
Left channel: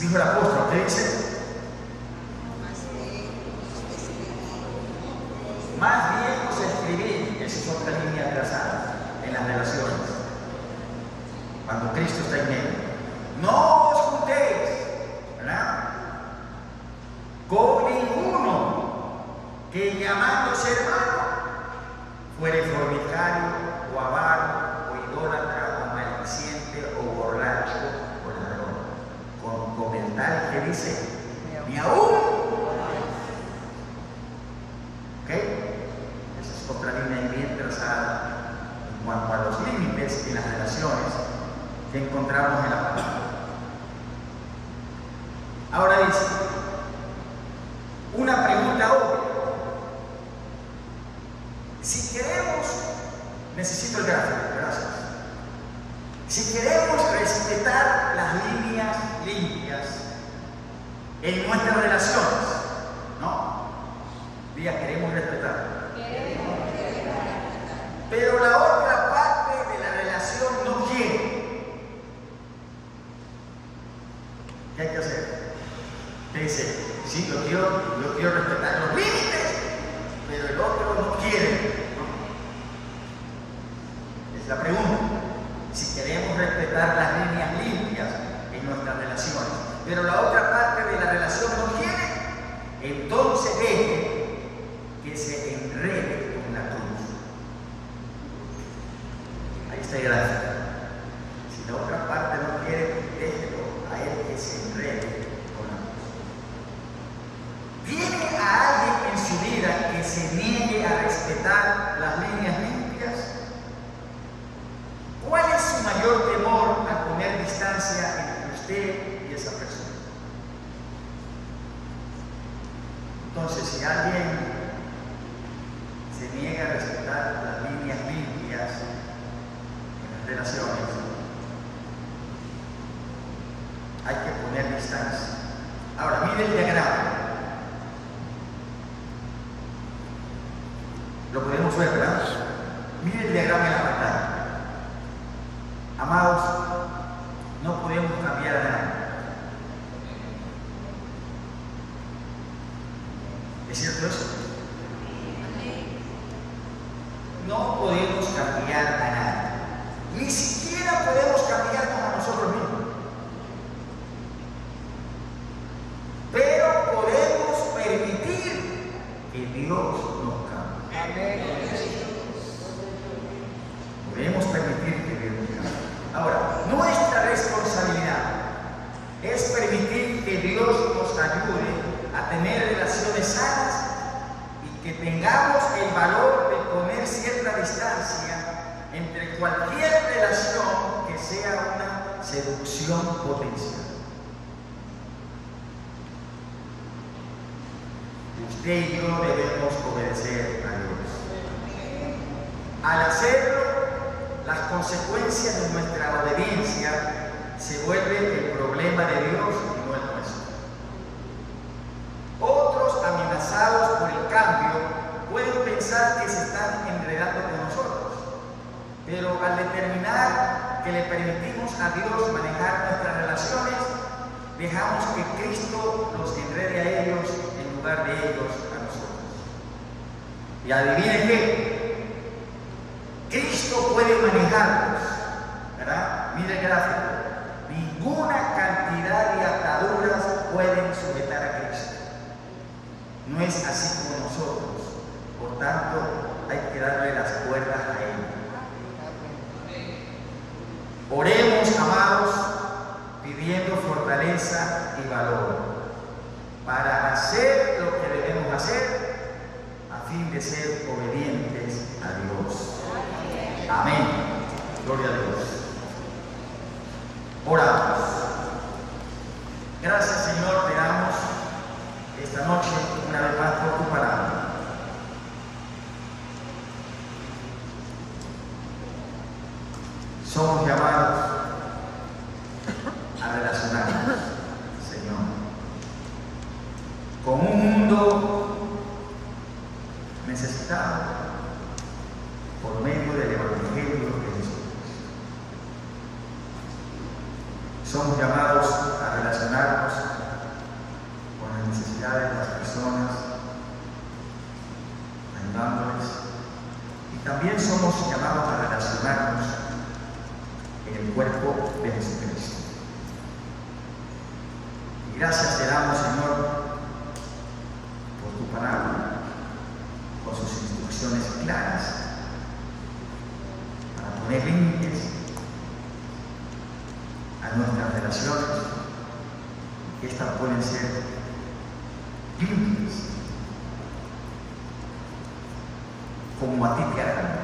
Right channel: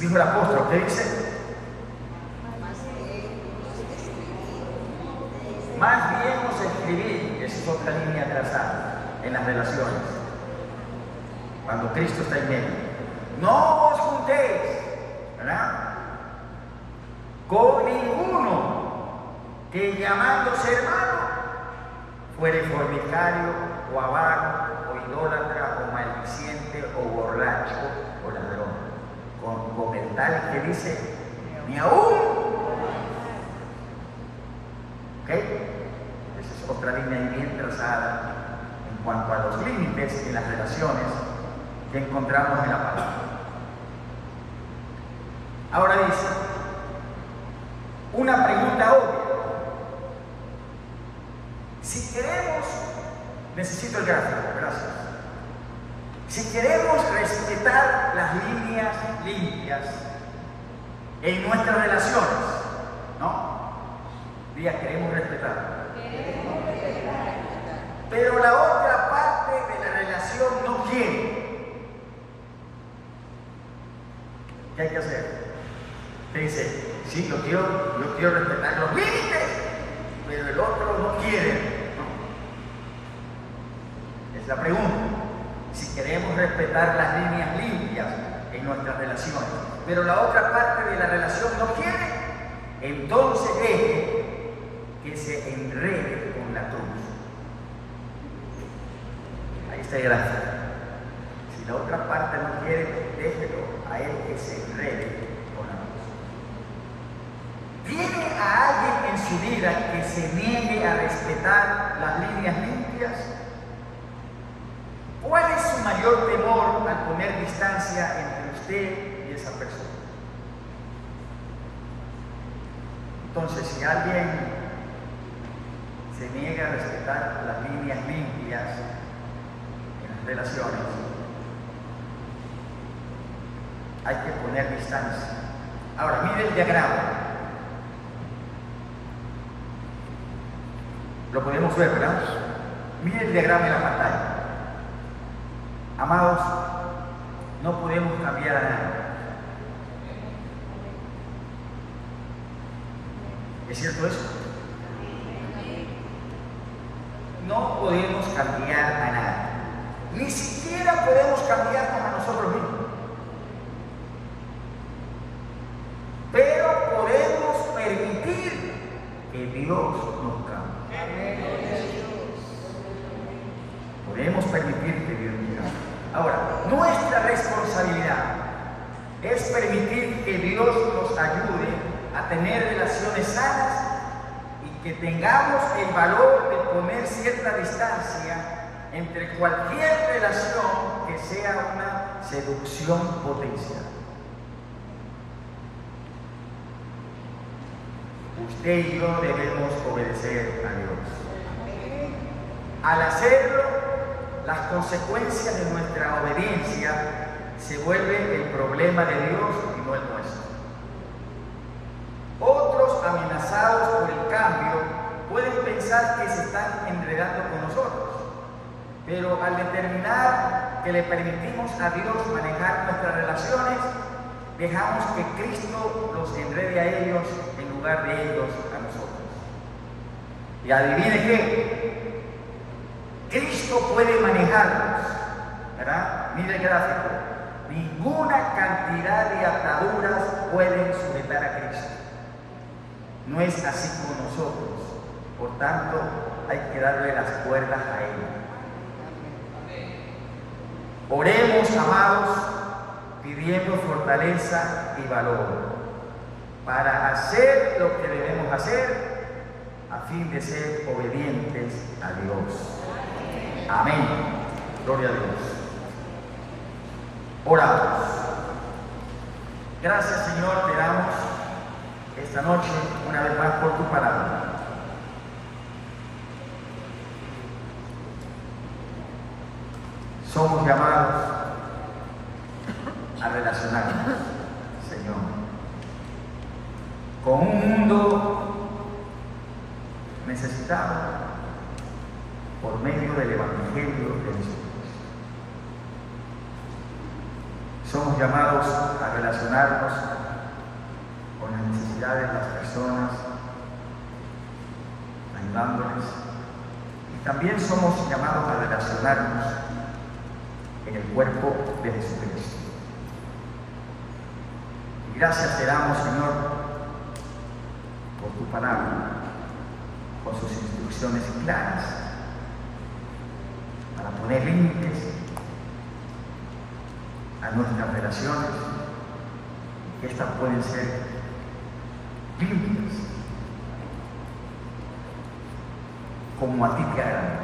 Dijo el apóstol, ¿qué dice? Más bien os escribí, esa es otra línea trazada en las relaciones. Cuando Cristo está en medio, no os juntéis, ¿verdad?, con ninguno que llamándose hermano fuere fornicario o avaro o idólatra o maldiciente o borracho o ladrón, con el tal que dice ni aún. ¿Ok? Esa es otra línea bien trazada en cuanto a los límites de las relaciones que encontramos en la palabra. Ahora dice, una pregunta obvia. Si queremos, necesito el gráfico, gracias. Si queremos respetar las líneas limpias en nuestras relaciones, ¿no? Diga, queremos respetar. Pero la otra parte de la relación no quiere. ¿Qué hay que hacer? Te dice, sí, yo quiero respetar los límites, pero el otro no quiere. Es la pregunta. Si queremos respetar las líneas limpias en nuestras relaciones, pero la otra parte de la relación no quiere, entonces deje que se enrede con la cruz. Ahí está el gráfico. Si la otra parte no quiere, déjelo a él que se enrede con la cruz. ¿Tiene a alguien en su vida que se niegue a respetar las líneas limpias? ¿Cuál es su mayor temor al poner distancia entre usted y esa persona? Entonces, si alguien se niega a respetar las líneas limpias en las relaciones, hay que poner distancia. Ahora, mire el diagrama. Lo podemos ver, ¿verdad? Mire el diagrama en la pantalla. Amados, no podemos cambiar a nadie. ¿Es cierto eso? No podemos cambiar a nadie. Ni siquiera podemos cambiarnos a nosotros mismos. Pero podemos permitir que Dios nos cambie. Podemos permitir que Dios nos cambie. Ahora, nuestra responsabilidad es permitir que Dios nos ayude a tener relaciones sanas y que tengamos el valor de poner cierta distancia entre cualquier relación que sea una seducción potencial. Usted y yo debemos obedecer a Dios. Al hacerlo, las consecuencias de nuestra obediencia se vuelven el problema de Dios y no el nuestro. Otros, amenazados por el cambio, pueden pensar que se están enredando con nosotros, pero al determinar que le permitimos a Dios manejar nuestras relaciones, dejamos que Cristo los enrede a ellos en lugar de ellos a nosotros. Y adivinen qué, Cristo puede manejarlos, ¿verdad? Mire el gráfico. Ninguna cantidad de ataduras pueden sujetar a Cristo. No es así como nosotros. Por tanto, hay que darle las cuerdas a Él. Oremos, amados, pidiendo fortaleza y valor para hacer lo que debemos hacer a fin de ser obedientes a Dios. Amén. Gloria a Dios. Oramos. Gracias, Señor, te damos esta noche una vez más por tu palabra. Somos llamados a relacionarnos, Señor, con un mundo necesitado por medio del Evangelio de Jesucristo. Somos llamados a relacionarnos con las necesidades de las personas, ayudándoles, y también somos llamados a relacionarnos en el cuerpo de Jesucristo. Y gracias te damos, Señor, por tu palabra, por sus instrucciones claras, para poner límites a nuestras relaciones, y que estas pueden ser limpias, como a ti te agrada.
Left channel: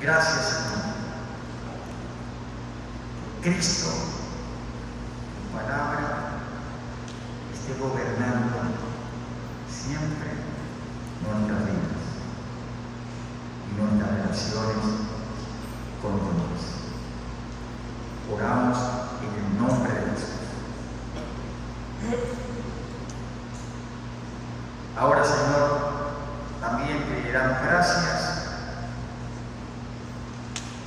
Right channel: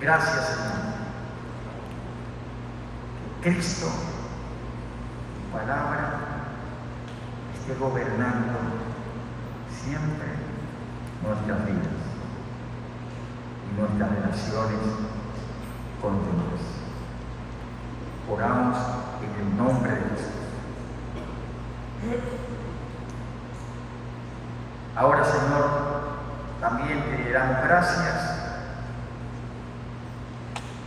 Gracias, Señor. Que Cristo, tu palabra, esté gobernando siempre nuestras vidas y nuestras relaciones con Dios. Oramos en el nombre de Jesús. Ahora, Señor, también te damos gracias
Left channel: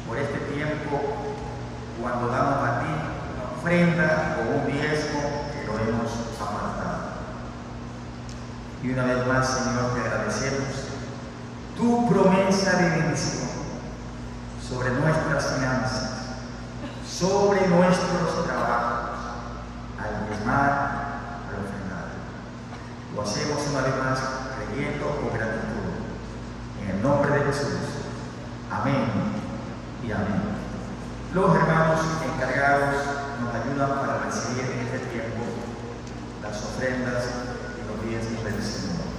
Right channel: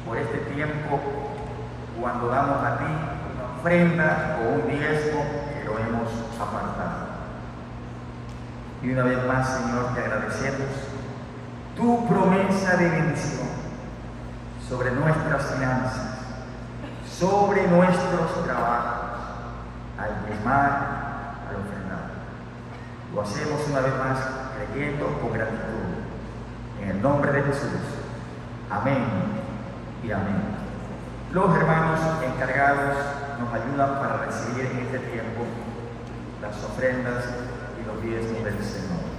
por este tiempo cuando damos a ti una ofrenda o un diezmo que lo hemos apartado. Y una vez más, Señor, te agradecemos tu promesa de bendición sobre nuestras finanzas, sobre nuestros trabajos, al diezmar, al ofrendar. Lo hacemos una vez más creyendo con gratitud. En el nombre de Jesús. Amén y amén. Los hermanos encargados nos ayudan para recibir en este tiempo las ofrendas y los diezmos del Señor.